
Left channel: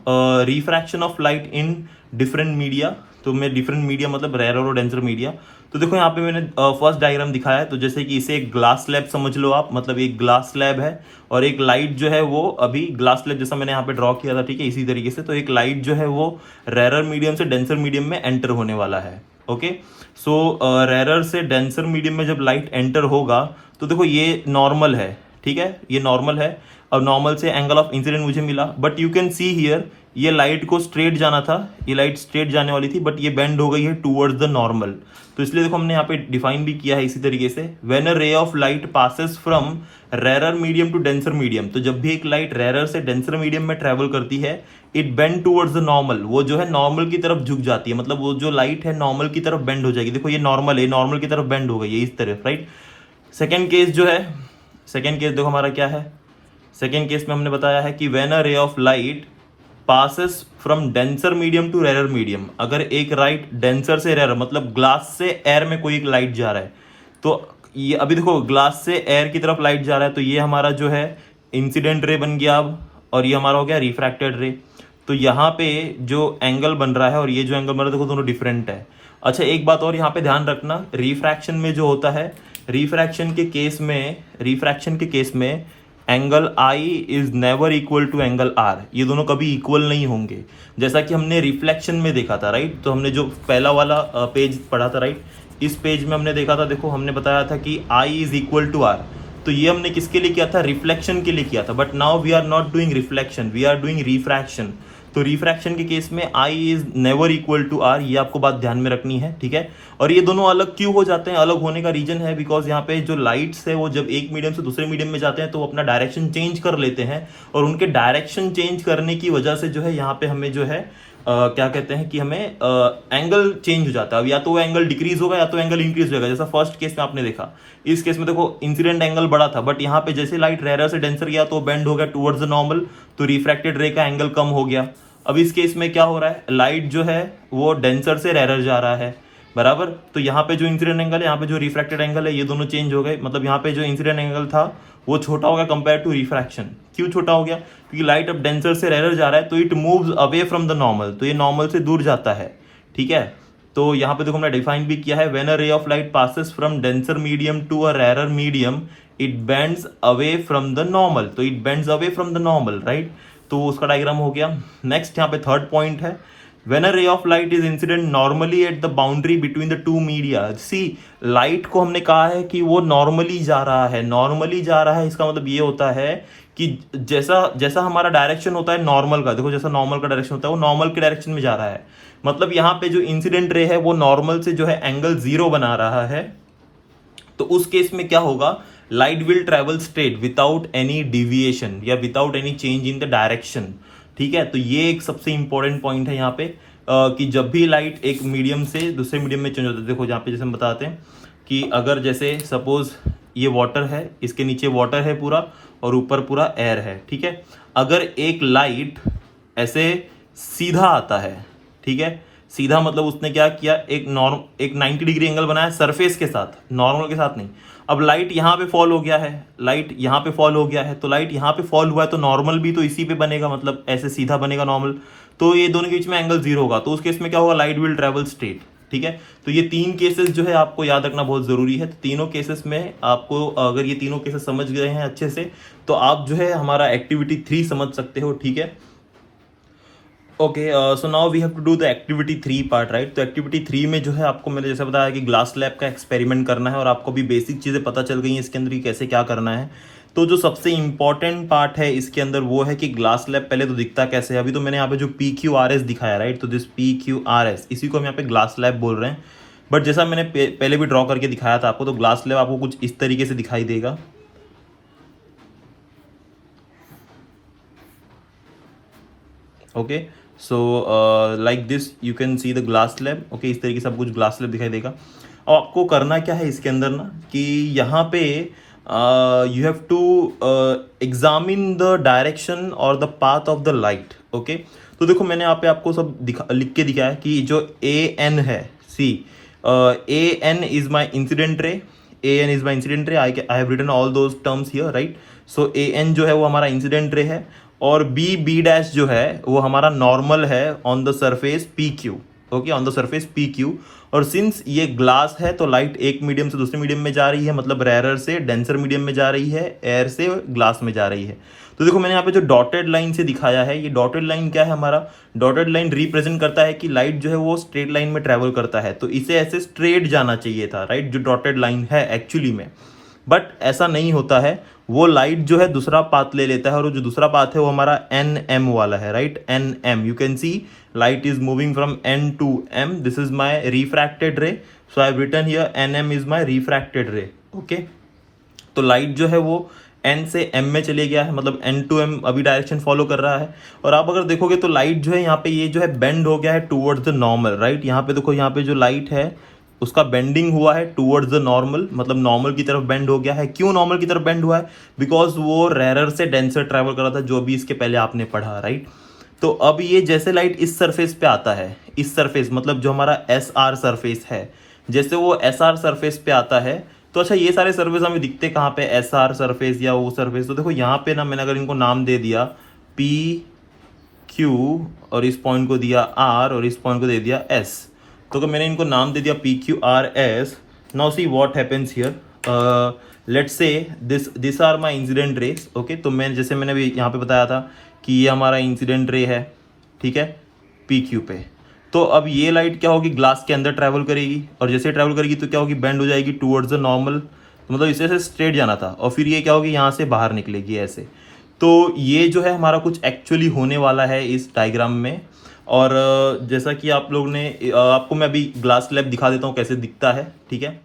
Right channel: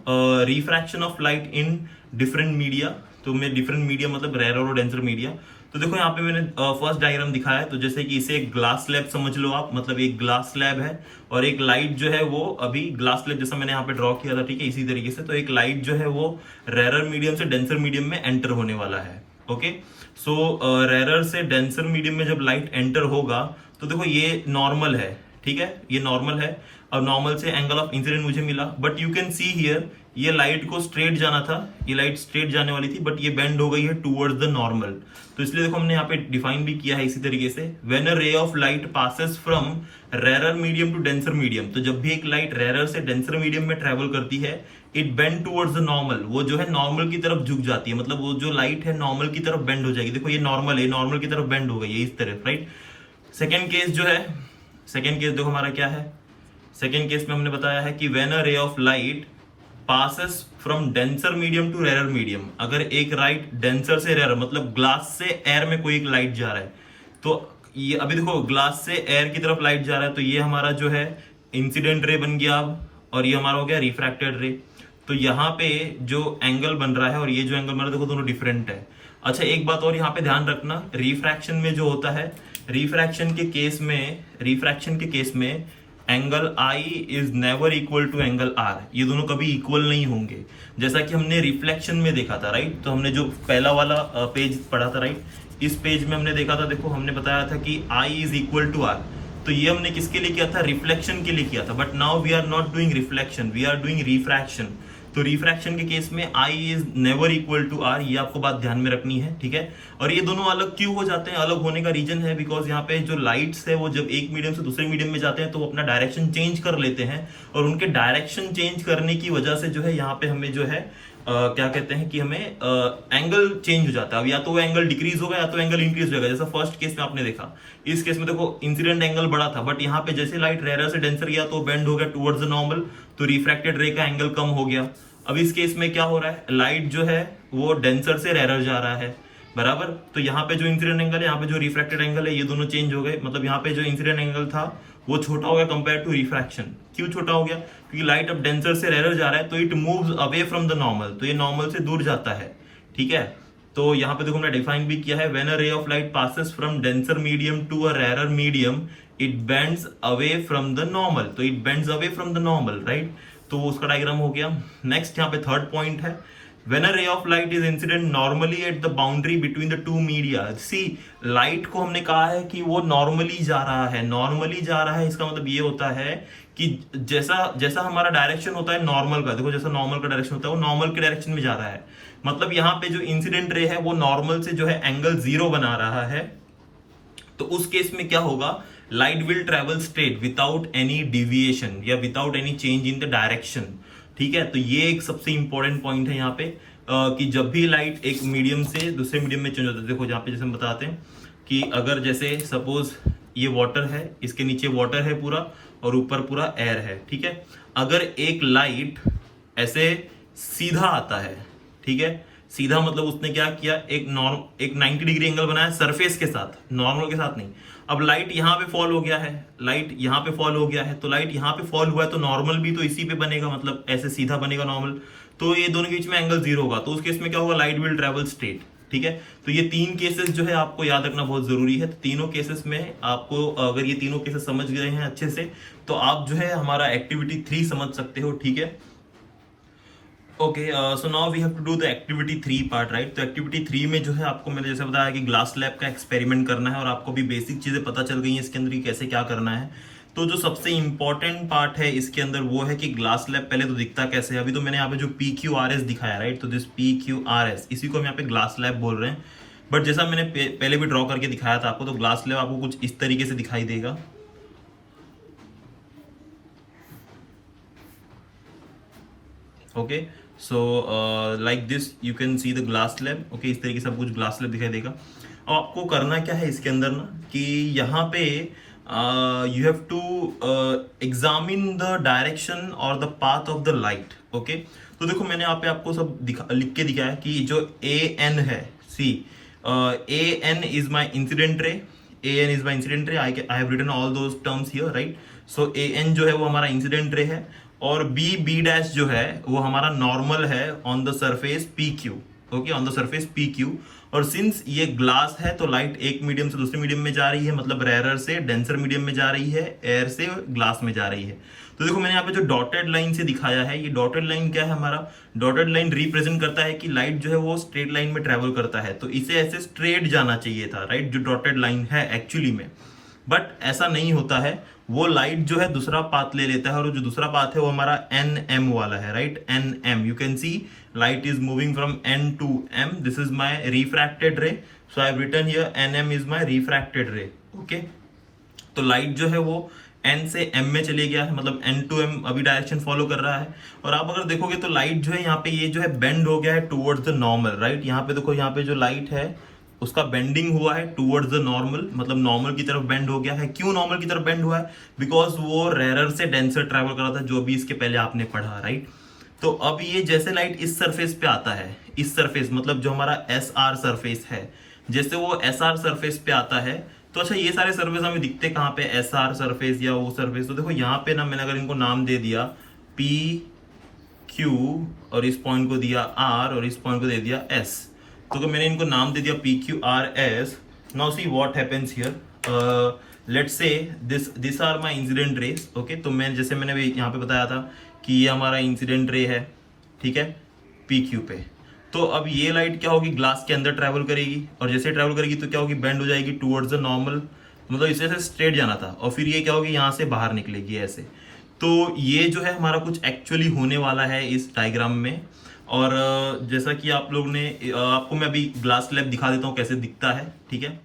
refraction of light in different media, तो मैं डिफरेंट मीडिया मतलब रेरर और डेंसर मीडिया। तो देखो यहाँ पे मैंने फर्स्ट डायग्राम दिखाया है, तो जैसे कि इसे एक ग्लास स्लैब समझ लो आप, मतलब एक ग्लास स्लैब है और एक लाइट जो है वो अभी ग्लास स्लैब जैसा मैंने यहाँ पे ड्रॉ किया था, ठीक है, इसी तरीके से। तो एक लाइट जो है वो रेरर मीडियम से डेंसर मीडियम में एंटर होने वाला है। ओके, सो रेरर से डेंसर मीडियम में जब लाइट एंटर होगा तो देखो ये नॉर्मल है, ठीक है, ये नॉर्मल है। और नॉर्मल से एंगल ऑफ इंसिडेंट मुझे मिला, but you can see here ये लाइट को स्ट्रेट जाना था, ये लाइट स्ट्रेट जाने वाली थी, बट ये बेंड हो गई है टुवर्ड्स द नॉर्मल। तो इसलिए देखो हमने यहाँ पे डिफाइन भी किया है इसी तरीके से, when a ray of light passes from rarer medium to denser medium, तो जब भी एक लाइट रेरर से डेंसर मीडियम में ट्रेवल करती है, it bend towards the normal, वो जो है नॉर्मल की तरफ झुक जाती है, मतलब वो जो लाइट है नॉर्मल की तरफ बेंड हो जाएगी। देखो ये नॉर्मल है, नॉर्मल की तरफ बेंड हो गई है इस तरफ, राइट। सेकेंड केस जो है, सेकेंड केस देखो हमारा क्या है, सेकेंड केस में हमने बताया है कि when a ray of light passes from denser medium to rarer medium, अगर एक लाइट डेंसर से रेरर मतलब ग्लास से एयर में कोई एक लाइट जा रहा है, तो ये अभी देखो ग्लास से एयर की तरफ लाइट जा रहा है, तो ये हमारा जो है इंसिडेंट रे बन गया अब, और ये हमारा हो गया रिफ्रैक्टेड रे। तो यहाँ पे जो एंगल बन रहा है और ये जो एंगल बन रहा है देखो दोनों डिफरेंट है। अच्छा एक बात और यहाँ पे ध्यान रखना, रिफ्रैक्शन में जो होता है, रिफ्रैक्शन के केस में angle I is never equal to angle R, ये दोनों कभी इक्वल नहीं होंगे, जैसा कि हमने रिफ्लेक्शन में देखा था, राइट। तो हमने जो पहला वाला पेज पढ़ा था, राइट, इस पेज में हमने देखा था, देखो हमने बताया था कि आई इज इक्वल टू आर, तो ये हमने किसके लिए किया था, रिफ्लेक्शन के लिए किया था। But now we are not doing reflection, we are doing refraction. तो रिफ्रैक्शन के केस में I is never equal to R, ये आपको बात ध्यान में रखनी है, ठीक है। और ये दोनों अलग क्यों हो जाते हैं, अलग होने का रीजन है बिकॉज यहाँ पे जो लाइट्स है वो जब एक मीडियम से दूसरे मीडियम में जाते हैं तो वो अपना डायरेक्शन चेंज कर लेते हैं, और उनके डायरेक्शन चेंज करने की वजह से जो है यहाँ पे हमें जो है क्या कहते हैं कि हमें एंगल चेंज हो जाता है। अब या तो वो एंगल डिक्रीज होगा या तो एंगल इंक्रीज हो जाएगा, जैसा फर्स्ट केस में आपने देखा। इस केस में देखो इंसिडेंट एंगल बड़ा था, बट यहाँ पे जैसे लाइट रेरर से डेंसर गया तो बेंड हो गया टुवर्ड्स द नॉर्मल, तो रिफ्रैक्टेड रे का एंगल कम हो गया। अब इस केस में क्या हो रहा है, लाइट जो है वो डेंसर से रेरर जा रहा है, बराबर। तो यहाँ पे जो इंसिडेंट एंगल है, यहाँ पे जो रिफ्रैक्टेड एंगल है, ये दोनों चेंज हो गए, मतलब यहाँ पे जो इंसिडेंट एंगल था वो छोटा हो गया कंपेयर टू रिफ्रैक्शन। क्यों छोटा हो गया, क्योंकि लाइट अब डेंसर से रेरर जा रहा है, तो it moves away from the normal, तो ये नॉर्मल से दूर जाता है, ठीक है। तो यहाँ पे देखो हमने डिफाइन भी किया है, when a ray of light passes from denser medium to a rarer medium it bends away from the normal, तो it bends away from the normal, right. तो उसका डायग्राम हो गया। नेक्स्ट यहाँ पे थर्ड पॉइंट है, when a ray of light is incident normally at the boundary between the two media, see light को हमने कहा है कि वो नॉर्मली जा रहा है, नॉर्मली जा रहा है, इसका मतलब ये होता है कि जैसा जैसा हमारा डायरेक्शन होता है नॉर्मल का, देखो जैसा नॉर्मल का डायरेक्शन होता है वो नॉर्मल के डायरेक्शन में जा रहा है, मतलब यहाँ पे जो इंसिडेंट रे है वो नॉर्मल से जो है एंगल 0 बना रहा है। तो उस केस में क्या होगा, light will travel straight without any deviation या without any change in the direction, ठीक है। तो ये एक सबसे इंपॉर्टेंट पॉइंट है यहाँ पे कि जब भी लाइट एक मीडियम से दूसरे मीडियम में चेंज होता है, देखो यहाँ पे जैसे हम बताते हैं कि अगर जैसे सपोज ये वाटर है, इसके नीचे वाटर है पूरा और ऊपर पूरा एयर है, ठीक है। अगर एक लाइट ऐसे सीधा आता है, ठीक है, सीधा मतलब उसने क्या किया, एक 90 डिग्री एंगल बनाया सरफेस के साथ, नॉर्मल के साथ नहीं। अब लाइट यहाँ पे फॉल हो गया है, लाइट यहाँ पे फॉल हो गया है, तो लाइट यहाँ पे फॉल हुआ है तो नॉर्मल भी तो इसी पे बनेगा, मतलब ऐसे सीधा बनेगा नॉर्मल। तो ये दोनों के बीच में एंगल 0 होगा, तो उस केस में क्या होगा, लाइट विल ट्रेवल स्ट्रेट। ठीक है, तो ये 3 केसेस जो है आपको याद रखना बहुत जरूरी है। तो तीनों केसेस में आपको, अगर ये तीनों केसेस समझ गए हैं अच्छे से, तो आप जो है हमारा एक्टिविटी 3 समझ सकते हो। ठीक है, okay, so now we have to do the activity 3 part, right. तो एक्टिविटी 3 में जो है आपको मैंने जैसे बताया कि ग्लास लैब का एक्सपेरिमेंट करना है, और आपको भी बेसिक चीज़ें पता चल गई हैं इसके अंदर कि कैसे क्या करना है। तो जो सबसे इंपॉर्टेंट पार्ट है इसके अंदर वो है कि ग्लास लैब पहले तो दिखता कैसे है। अभी तो मैंने यहाँ पे जो PQRS दिखाया, राइट, तो दिस PQRS, इसी को हम यहाँ पे ग्लास लैब बोल रहे हैं। बट जैसा मैंने पहले भी ड्रॉ करके दिखाया था आपको, तो ग्लास लैब आपको कुछ इस तरीके से दिखाई देगा। Okay, so like this you can see the glass lab. Okay, इस तरीके से सब कुछ ग्लास लैब दिखाई देगा। और आपको करना क्या है इसके अंदर ना, कि यहाँ पे you have to examine the direction और the path of the light. Okay, तो देखो मैंने यहाँ पे आपको सब लिख के दिखाया कि जो AN है, see AN is my incident ray, AN is my incident ray, I have written all those terms here, right. So AN जो है वो हमारा इंसिडेंट रे है, और B डैश जो है वो हमारा नॉर्मल है on the surface PQ। Okay, on the surface PQ। और सिंस ये ग्लास है तो लाइट एक मीडियम से दूसरे मीडियम में जा रही है, मतलब रेयर से डेंसर मीडियम में जा रही है, एयर से ग्लास में जा रही है। तो देखो मैंने यहाँ पे जो डॉटेड लाइन से दिखाया है, ये डॉटेड लाइन क्या है, हमारा डॉटेड लाइन रिप्रेजेंट करता है कि लाइट जो है वो स्ट्रेट लाइन में ट्रेवल करता है, तो इसे ऐसे स्ट्रेट जाना चाहिए था, राइट, जो डॉटेड लाइन है एक्चुअली में। बट ऐसा नहीं होता है, वो लाइट जो है दूसरा पाथ ले लेता है, और जो दूसरा पाथ है वो हमारा NM वाला है, right, NM। You can see light is moving from N to M. This is my refracted ray, so I have written here NM is my refracted ray. Okay, तो लाइट जो है वो N से M में चले गया है, मतलब N to M अभी डायरेक्शन फॉलो कर रहा है। और आप अगर देखोगे तो लाइट जो है यहाँ पे, ये जो है बेंड हो गया है टूवर्ड्स द नॉर्मल, राइट। यहाँ पे देखो, यहाँ पे जो लाइट है उसका बेंडिंग हुआ है टूवर्ड्स द नॉर्मल, मतलब नॉर्मल की तरफ बेंड हो गया है। क्यों नॉर्मल की तरफ बेंड हुआ है, बिकॉज वो रेयर से डेंसर ट्रैवल कर रहा था, जो भी इसके पहले आपने पढ़ा, राइट। तो अब ये जैसे लाइट इस सरफेस पे आता है, इस सरफेस मतलब जो हमारा SR सरफेस है, जैसे वो SR सरफेस पे आता है, तो अच्छा ये सारे सरफेस हमें दिखते कहाँ पे, SR सरफेस या वो सरफेस। तो देखो यहाँ पे ना, मैंने अगर इनको नाम दे दिया PQ, और इस पॉइंट को दिया R, और इस पॉइंट को दे दिया S, तो अगर मैंने इनको नाम दे दिया PQRS, now see what happens here, let's say this are my incident rays. Okay, तो मैं जैसे मैंने भी यहाँ पे बताया था कि ये हमारा इंसिडेंट रे है, ठीक है, PQ पे। तो अब ये लाइट क्या होगी, ग्लास के अंदर ट्रैवल करेगी, और जैसे ट्रैवल करेगी तो क्या होगी, बेंड हो जाएगी टूवर्ड्स द नॉर्मल, तो मतलब इसे से स्ट्रेट जाना था, और फिर ये क्या होगी, यहाँ से बाहर निकलेगी ऐसे। तो ये जो है हमारा कुछ एक्चुअली होने वाला है इस डायग्राम में। और जैसा कि आप लोग ने, आपको मैं अभी ग्लास लैब दिखा देता हूँ कैसे दिखता है, ठीक है।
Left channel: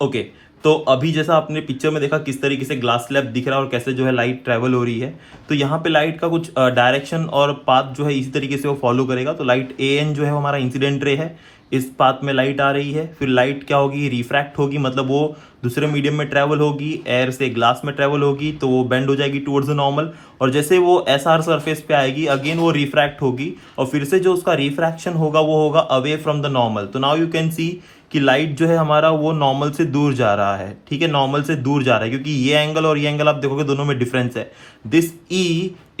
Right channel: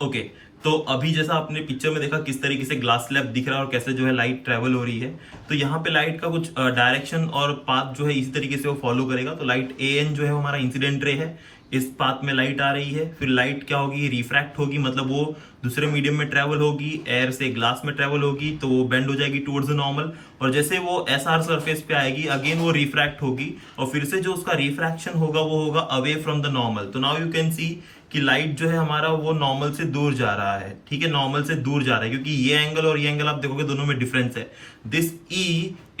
ओके, तो अभी जैसा आपने पिक्चर में देखा किस तरीके से ग्लास स्लैब दिख रहा है और कैसे जो है लाइट ट्रेवल हो रही है, तो यहाँ पे लाइट का कुछ डायरेक्शन और पाथ जो है इसी तरीके से वो फॉलो करेगा। तो लाइट AN जो है हमारा इंसिडेंट रे है, इस पाथ में लाइट आ रही है, फिर लाइट क्या होगी, रिफ्रैक्ट होगी, मतलब वो दूसरे मीडियम में ट्रेवल होगी, एयर से ग्लास में ट्रेवल होगी, तो वो बेंड हो जाएगी टुवर्ड्स द नॉर्मल, और जैसे वो SR सरफेस पे आएगी अगेन वो रिफ्रैक्ट होगी, और फिर से जो उसका रिफ्रैक्शन होगा वो होगा अवे फ्रॉम द नॉर्मल। तो नाउ यू कैन सी कि लाइट जो है हमारा वो नॉर्मल से दूर जा रहा है, ठीक है, नॉर्मल से दूर जा रहा है, क्योंकि ये एंगल और ये एंगल आप देखोगे दोनों में डिफरेंस है। This E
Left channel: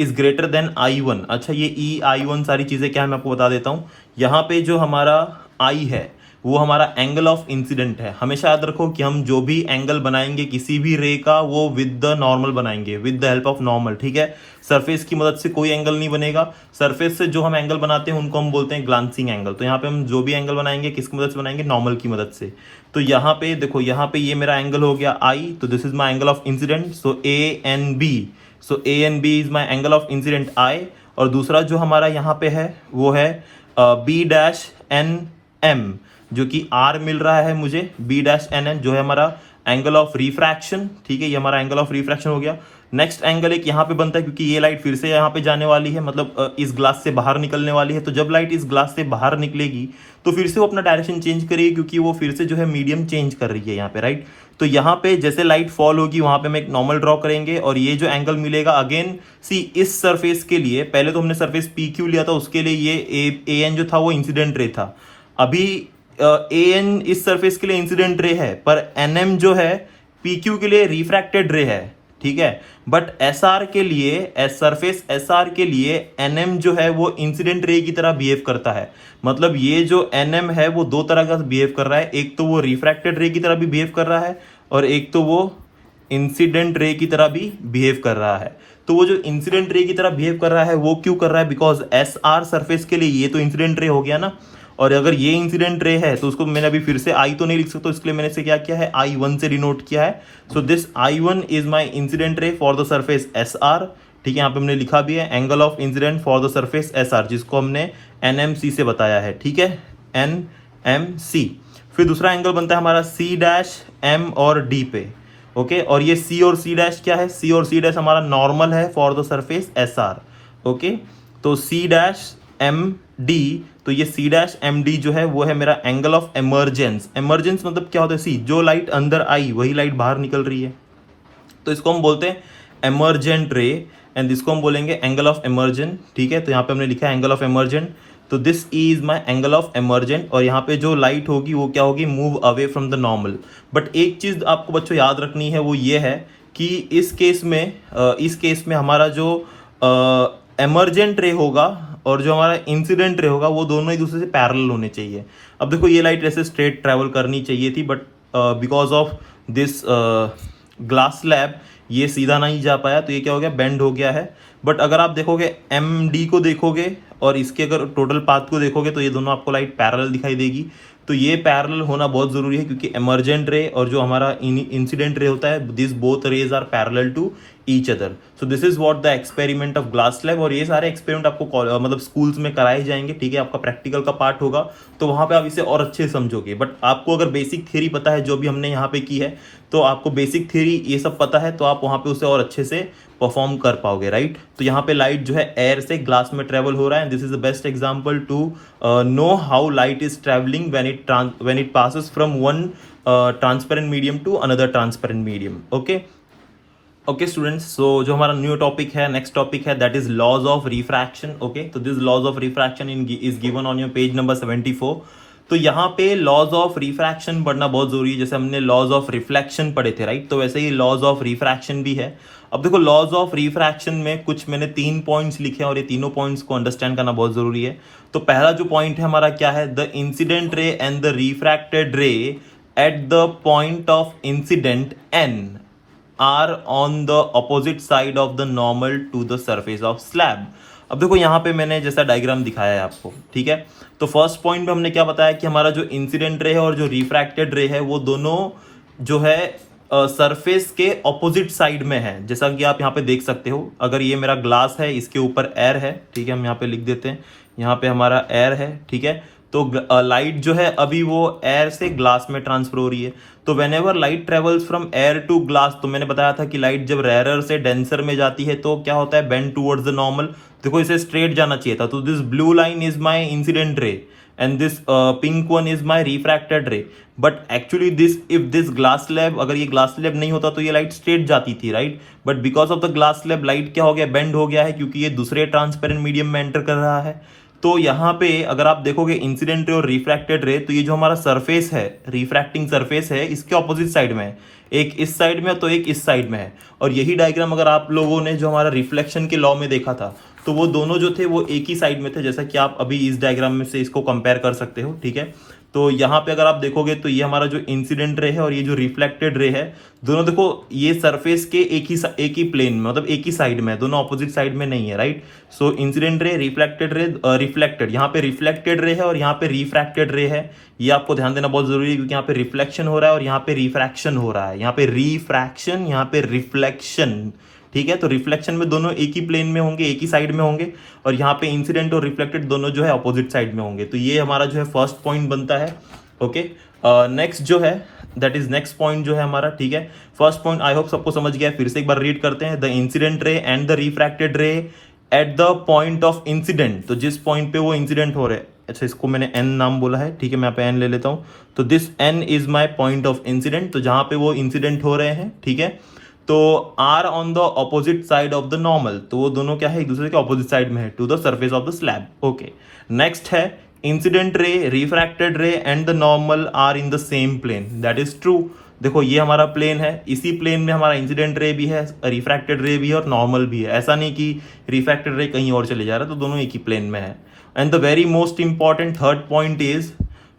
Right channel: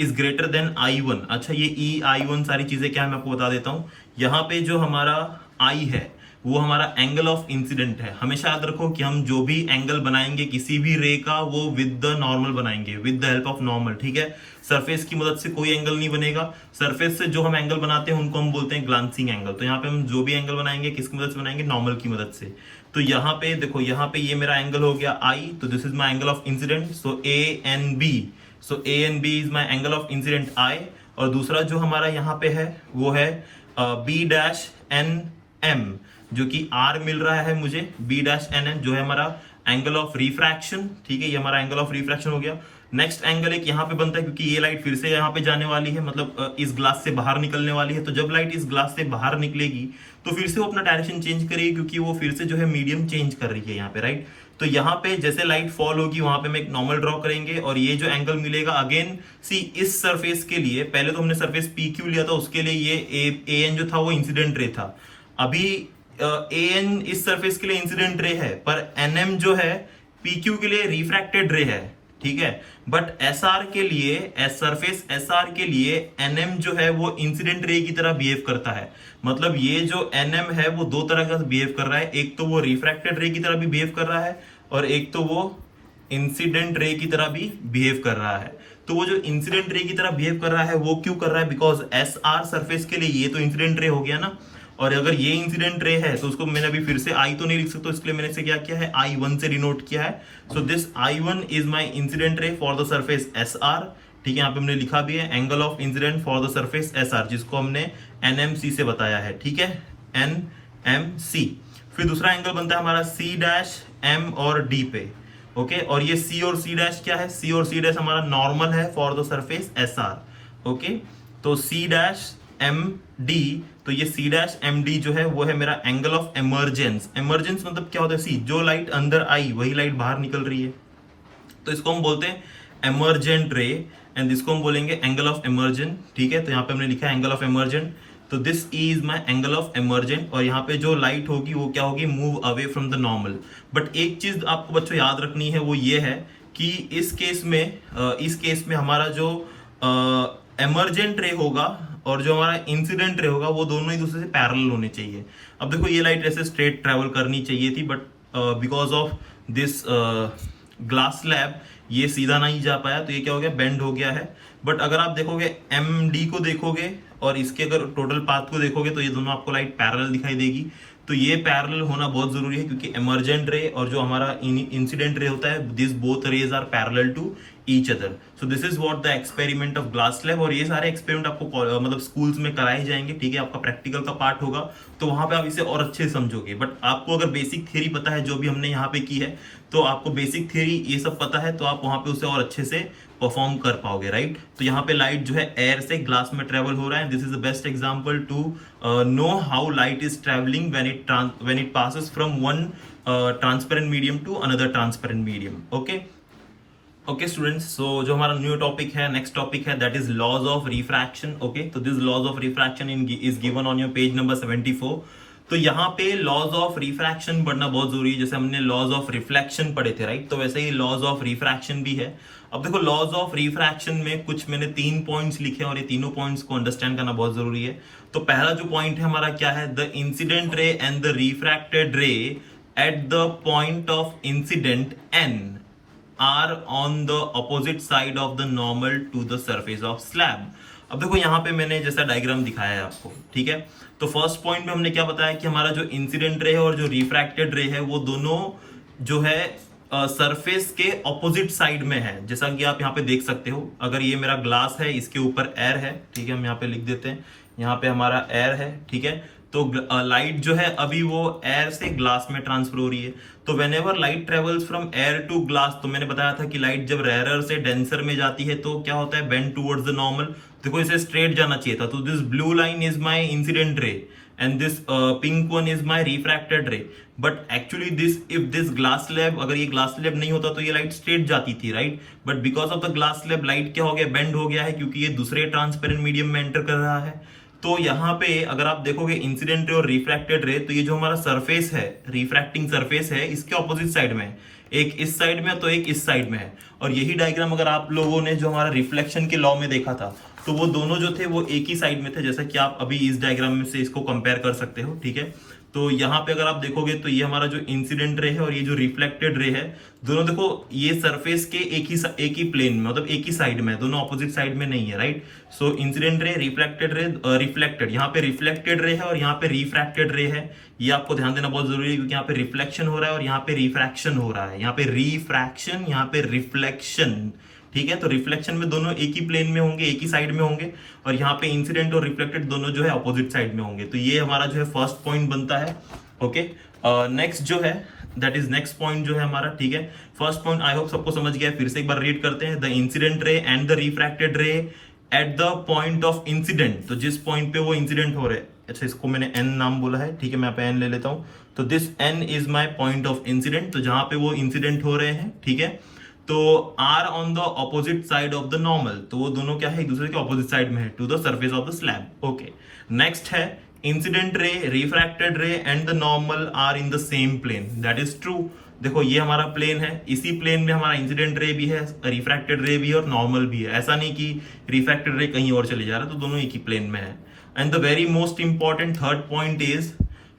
is greater than I1। अच्छा, ये E I1 सारी चीजें क्या है मैं आपको बता देता हूं। यहाँ पे जो हमारा I है वो हमारा एंगल ऑफ इंसिडेंट है। हमेशा याद रखो कि हम जो भी एंगल बनाएंगे किसी भी रे का, वो विद द नॉर्मल बनाएंगे, with the help of normal, ठीक है। सरफेस की मदद से कोई एंगल नहीं बनेगा। सरफेस से जो हम एंगल बनाते हैं उनको हम बोलते हैं ग्लांसिंग एंगल। तो यहाँ पे हम जो भी एंगल बनाएंगे किसकी मदद से बनाएंगे, नॉर्मल की मदद से। तो यहाँ पे देखो, यहाँ पे ये मेरा एंगल हो गया I, तो this is my angle of incident, so ANB, so ANB is my angle of incident I। और दूसरा जो हमारा यहाँ पे है वो है B-NM, जो कि R मिल रहा है मुझे, B-NM जो है हमारा एंगल ऑफ रिफ्रैक्शन, ठीक है, ये हमारा एंगल ऑफ रिफ्रैक्शन हो गया। नेक्स्ट एंगल एक यहाँ पे बनता है, क्योंकि ये लाइट फिर से यहाँ पे जाने वाली है, मतलब इस ग्लास से बाहर निकलने वाली है। तो जब लाइट इस ग्लास से बाहर निकलेगी तो फिर से वो अपना डायरेक्शन चेंज करेगी, क्योंकि वो फिर से जो है मीडियम चेंज कर रही है यहाँ पे, राइट। तो यहाँ पे जैसे लाइट फॉल होगी वहां पे हम एक नॉर्मल ड्रॉ करेंगे और ये जो एंगल मिलेगा अगेन सी इस सरफेस के लिए, पहले तो हमने सरफेस पी क्यू लिया था, उसके लिए ये ए एन जो था वो इंसिडेंट रे था। अभी ए एन इस सरफेस के लिए इंसिडेंट रे है, पर एन एम जो है पी क्यू के लिए रिफ्रैक्टेड रे है, ठीक है। बट एस आर के लिए, सरफेस एस आर के लिए एन एम जो है वो इंसिडेंट रे की तरह बिहेव करता है। मतलब ये जो एन एम है वो दो तरह का बिहेव कर रहा है, एक तो वो रिफ्रैक्टेड रे की तरह भी बिहेव कर रहा है और एक तो वो इंसिडेंट रे की तरह भी बिहेव कर रहा है। तो वो जो इंसिडेंट रे की तरह बिहेव कर रहा है वो क्यों कर रहा है, बिकॉज एस आर सरफेस के लिए ये तो इंसिडेंट रे हो गया ना, और अगर ये इंसिडेंट रे है तो उसको मैंने अभी फिर से आई तो नहीं लिख सकता, इसके लिए मैंने इसे क्या किया है, I1 से डिनोट किया है। So this I1 is my incident रे for the surface S R, ठीक है। यहाँ पे हमने लिखा भी है angle of incident for the surface S R, जिसको हमने NMC से बताया है, ठीक है, NMC। फिर दूसरा एंगल बनता है हमारा C डैश M और D पे, ओके। और ये C और C डैश क्या है, C और C डैश हमारा नॉर्मल है for the surface SR, okay. तो C डैश MD, तो ये C डैश MD जो है वो है मेरा एंगल ऑफ एमर्जेंस। एमर्जेंस मतलब क्या होता है, सी जो लाइट अंदर आई वही लाइट बाहर निकल रही है, तो इसको हम बोलते हैं एमर्जेंट रे, एंड इसको हम बोलेंगे एंगल ऑफ एमर्जेंट, ठीक है। तो यहाँ पे हमने लिखा है एंगल ऑफ एमर्जेंट, तो this is my angle of emergent. और यहाँ पे जो लाइट होगी वो क्या होगी, move away from the normal. But एक चीज आपको बच्चों याद रखनी है, वो ये है कि इस केस में हमारा जो एमर्जेंट रे होगा और जो हमारा इंसिडेंट रे होगा वो दोनों एक दूसरे से पैरेलल होने चाहिए। अब देखो ये लाइट ऐसे स्ट्रेट ट्रैवल करनी चाहिए थी, but because of this glass slab ये सीधा नहीं जा पाया, तो ये क्या हो गया, बेंड हो गया है। बट अगर आप देखोगे MD को देखोगे और इसके अगर टोटल पाथ को देखोगे तो ये दोनों आपको लाइट पैरेलल दिखाई देगी। तो ये पैरेलल होना बहुत जरूरी है, क्योंकि एमर्जेंट रे और जो हमारा इंसिडेंट रे होता है, this both rays are parallel to each other. So this is what the experiment of glass slab. और ये सारे एक्सपेरिमेंट आपको मतलब स्कूल्स में कराए जाएंगे, ठीक है। आपका प्रैक्टिकल का पार्ट होगा तो वहां पे आप इसे और अच्छे से समझोगे। बट आपको अगर बेसिक थ्योरी पता है जो भी हमने यहाँ पे की है, तो आपको बेसिक थ्योरी ये सब पता है, तो आप वहां पे उसे और अच्छे से परफॉर्म कर पाओगे, राइट। तो यहाँ पे लाइट जो है एयर से ग्लास में ट्रेवल हो रहा है। This is the best example to know how light is travelling when it passes from one transparent medium to another transparent medium, okay students. So जो हमारा न्यू टॉपिक है, नेक्स्ट टॉपिक है, that is laws of refraction, okay. तो this laws of refraction is given on your page number 74। तो यहाँ पे लॉज ऑफ रिफ्रैक्शन पढ़ना बहुत जरूरी है। जैसे हमने लॉज ऑफ रिफ्लेक्शन पढ़े थे, राइट, तो वैसे ही लॉज ऑफ रिफ्रैक्शन भी है। अब देखो लॉज ऑफ रिफ्रैक्शन में कुछ मैंने 3 पॉइंट्स लिखे हैं और ये तीनों पॉइंट्स को अंडरस्टैंड करना बहुत जरूरी है। तो पहला जो पॉइंट है हमारा क्या है, the incident ray and the refracted ray at the point of incident N are on the opposite side of the normal to the surface of slab. अब देखो यहाँ पे मैंने जैसा डायग्राम दिखाया है आपको, ठीक है। तो फर्स्ट पॉइंट में हमने क्या बताया कि हमारा जो इंसिडेंट रे है और जो रिफ्रैक्टेड रे है वो दोनों जो है सरफेस के ऑपोजिट साइड में है। जैसा कि आप यहाँ पे देख सकते हो, अगर ये मेरा ग्लास है, इसके ऊपर एयर है, ठीक है, हम यहाँ पे लिख देते हैं, यहाँ पे हमारा एयर है, ठीक है। तो लाइट जो है अभी वो एयर से ग्लास में ट्रांसफर हो रही है। तो whenever light travels from air to glass, तो मैंने बताया था कि लाइट जब रेयरर से डेंसर में जाती है तो क्या होता है, बेंड टूवर्ड्स द नॉर्मल। देखो इसे स्ट्रेट जाना चाहिए था, तो this blue line is my incident ray and this pink one is my refracted रे। But actually this glass slab, अगर ये ग्लास स्लैब नहीं होता तो ये लाइट स्ट्रेट जाती थी, right. But because of the glass slab light क्या हो गया, बेंड हो गया है, क्योंकि ये दूसरे ट्रांसपेरेंट मीडियम में एंटर कर रहा है। तो यहाँ पे अगर आप देखोगे इंसिडेंट रे और रिफ्रैक्टेड रे, तो ये जो हमारा सरफेस है, रिफ्रैक्टिंग सरफेस है, इसके ऑपोजिट साइड में है, एक इस साइड में तो एक इस साइड में है। और यही डायग्राम अगर आप लोगों ने जो हमारा रिफ्लेक्शन के लॉ में देखा था, तो वो दोनों जो थे वो एक ही साइड में थे, जैसा कि आप अभी इस डायग्राम में से इसको कंपेयर कर सकते हो, ठीक है। तो यहाँ पे अगर आप देखोगे तो ये हमारा जो इंसिडेंट रे है और ये जो रिफ्लेक्टेड रे है, दोनों देखो ये सरफेस के एक ही प्लेन में, मतलब एक ही साइड में, दोनों ऑपोजिट साइड में नहीं है, right. So incident ray, reflected ray, reflected, यहाँ पे रिफ्लेक्टेड रे है और यहाँ पे रिफ्रैक्टेड रे है। ये आपको ध्यान देना बहुत जरूरी है, क्योंकि यहाँ पे रिफ्लेक्शन हो रहा है और यहाँ पे रिफ्रैक्शन हो रहा है। यहाँ पे रिफ्रैक्शन, यहाँ पे रिफ्लेक्शन, ठीक है। तो रिफ्लेक्शन में दोनों एक ही प्लेन में होंगे, एक ही साइड में होंगे, और यहाँ पे इंसिडेंट और रिफ्लेक्टेड दोनों जो है अपोजिट साइड में होंगे। तो ये हमारा जो है फर्स्ट पॉइंट बनता है, ओके। नेक्स्ट जो है दैट इज नेक्स्ट पॉइंट जो है हमारा, ठीक है। फर्स्ट पॉइंट आई होप सबको समझ गया है, फिर से एक बार रीड करते हैं। The incident ray and the refracted ray at the point of incident, तो जिस पॉइंट पे वो इंसिडेंट हो रहे हैं, अच्छा इसको मैंने एन नाम बोला है, ठीक है, मैं यहाँ पे एन ले लेता हूँ। तो this n is my point of incident, तो जहां पे वो इंसिडेंट हो रहे हैं, ठीक है, तो are on the opposite side of the normal, तो वो दोनों क्या है, एक दूसरे के ऑपोजिट साइड में है to the surface of the slab. Okay, next है incident ray, refracted ray and the normal are in the same plane, that is true. देखो ये हमारा प्लेन है, इसी प्लेन में हमारा इंसिडेंट रे भी है, रिफ्रैक्टेड रे भी है और नॉर्मल भी है, ऐसा नहीं कि रिफ्रैक्टेड रे कहीं और चले जा रहा है, तो दोनों एक ही प्लेन में है। And the very most important third point is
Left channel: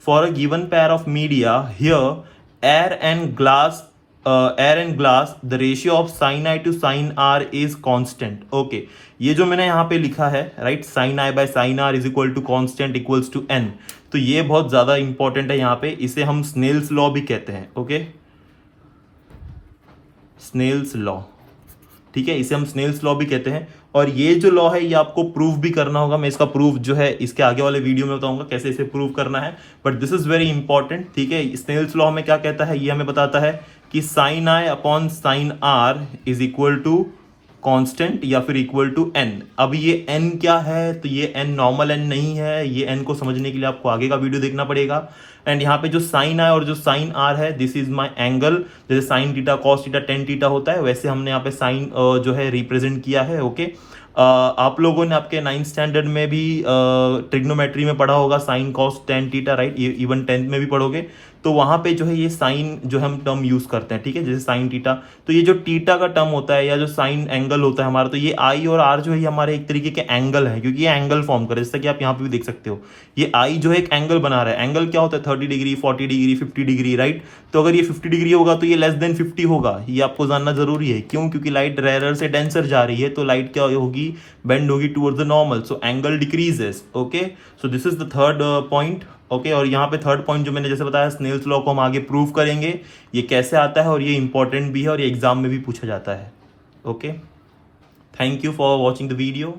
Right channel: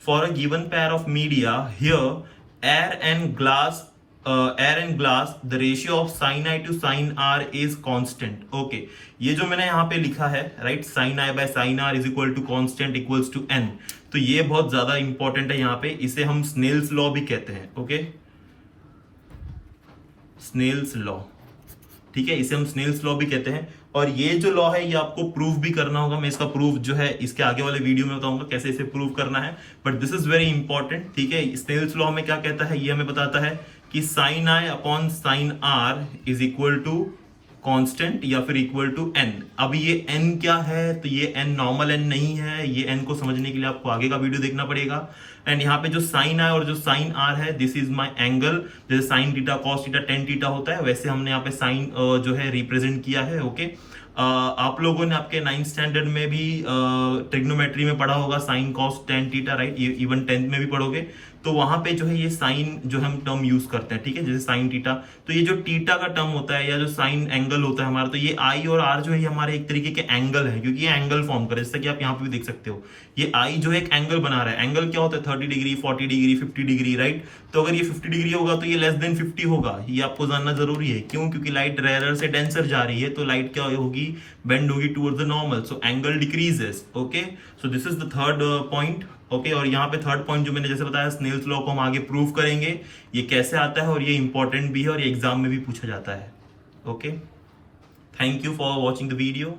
for a given pair of media here air and glass the ratio of sine i to sine r is constant. Okay, ये जो मैंने यहाँ पे लिखा है, right, sine i by sine r is equal to constant equals to n, तो ये बहुत ज्यादा इंपॉर्टेंट है यहाँ पे, इसे हम स्नेल्स लॉ भी कहते हैं। ओके, स्नेल्स लॉ, ठीक है, इसे हम स्नेल्स लॉ भी कहते हैं। और ये जो लॉ है ये आपको प्रूव भी करना होगा, मैं इसका प्रूफ जो है इसके आगे वाले वीडियो में बताऊंगा कैसे इसे प्रूव करना है, but this is very important, ठीक है। स्नेल्स लॉ में क्या कहता है, ये हमें बताता है कि sine i upon sine r is equal to constant या फिर इक्वल टू एन। अब ये एन क्या है, तो ये एन नॉर्मल एन नहीं है, ये एन को समझने के लिए आपको आगे का वीडियो देखना पड़ेगा। एंड यहाँ पे जो साइन आई और जो साइन आर है, दिस इज माई एंगल, जैसे sine theta cos theta tan theta होता है, वैसे हमने यहाँ पे साइन जो है रिप्रेजेंट किया है। ओके, आप लोगों ने आपके 9th स्टैंडर्ड में भी ट्रिग्नोमेट्री में पढ़ा होगा sine cos tan theta, right, even 10th में भी पढ़ोगे, तो वहां पे जो है ये साइन जो हम टर्म यूज करते हैं, ठीक है, जैसे साइन थीटा, तो ये जो थीटा का टर्म होता है या जो साइन एंगल होता है हमारा, तो ये आई और आर जो है ये हमारे एक तरीके के एंगल है, क्योंकि ये एंगल फॉर्म करे, जैसे कि आप यहाँ पे भी देख सकते हो, ये आई जो है एक एंगल बना रहा है। एंगल क्या होता है, 30 डिग्री, 40 डिग्री, 50 डिग्री, राइट, तो अगर ये 50 डिग्री होगा तो ये लेस देन 50 होगा, ये आपको जानना जरूरी है। क्यों? क्योंकि लाइट रेयर से डेंसर जा रही है, तो लाइट क्या होगी, बेंड होगी towards the normal, so angle decreases. Okay, so this is the third point. Okay, और यहाँ पे थर्ड पॉइंट जो मैंने जैसे बताया स्नेल्स लॉ को हम आगे प्रूव करेंगे, ये कैसे आता है और ये इंपॉर्टेंट भी है और ये एग्जाम में भी पूछा जाता है। Okay, thank you for watching the video.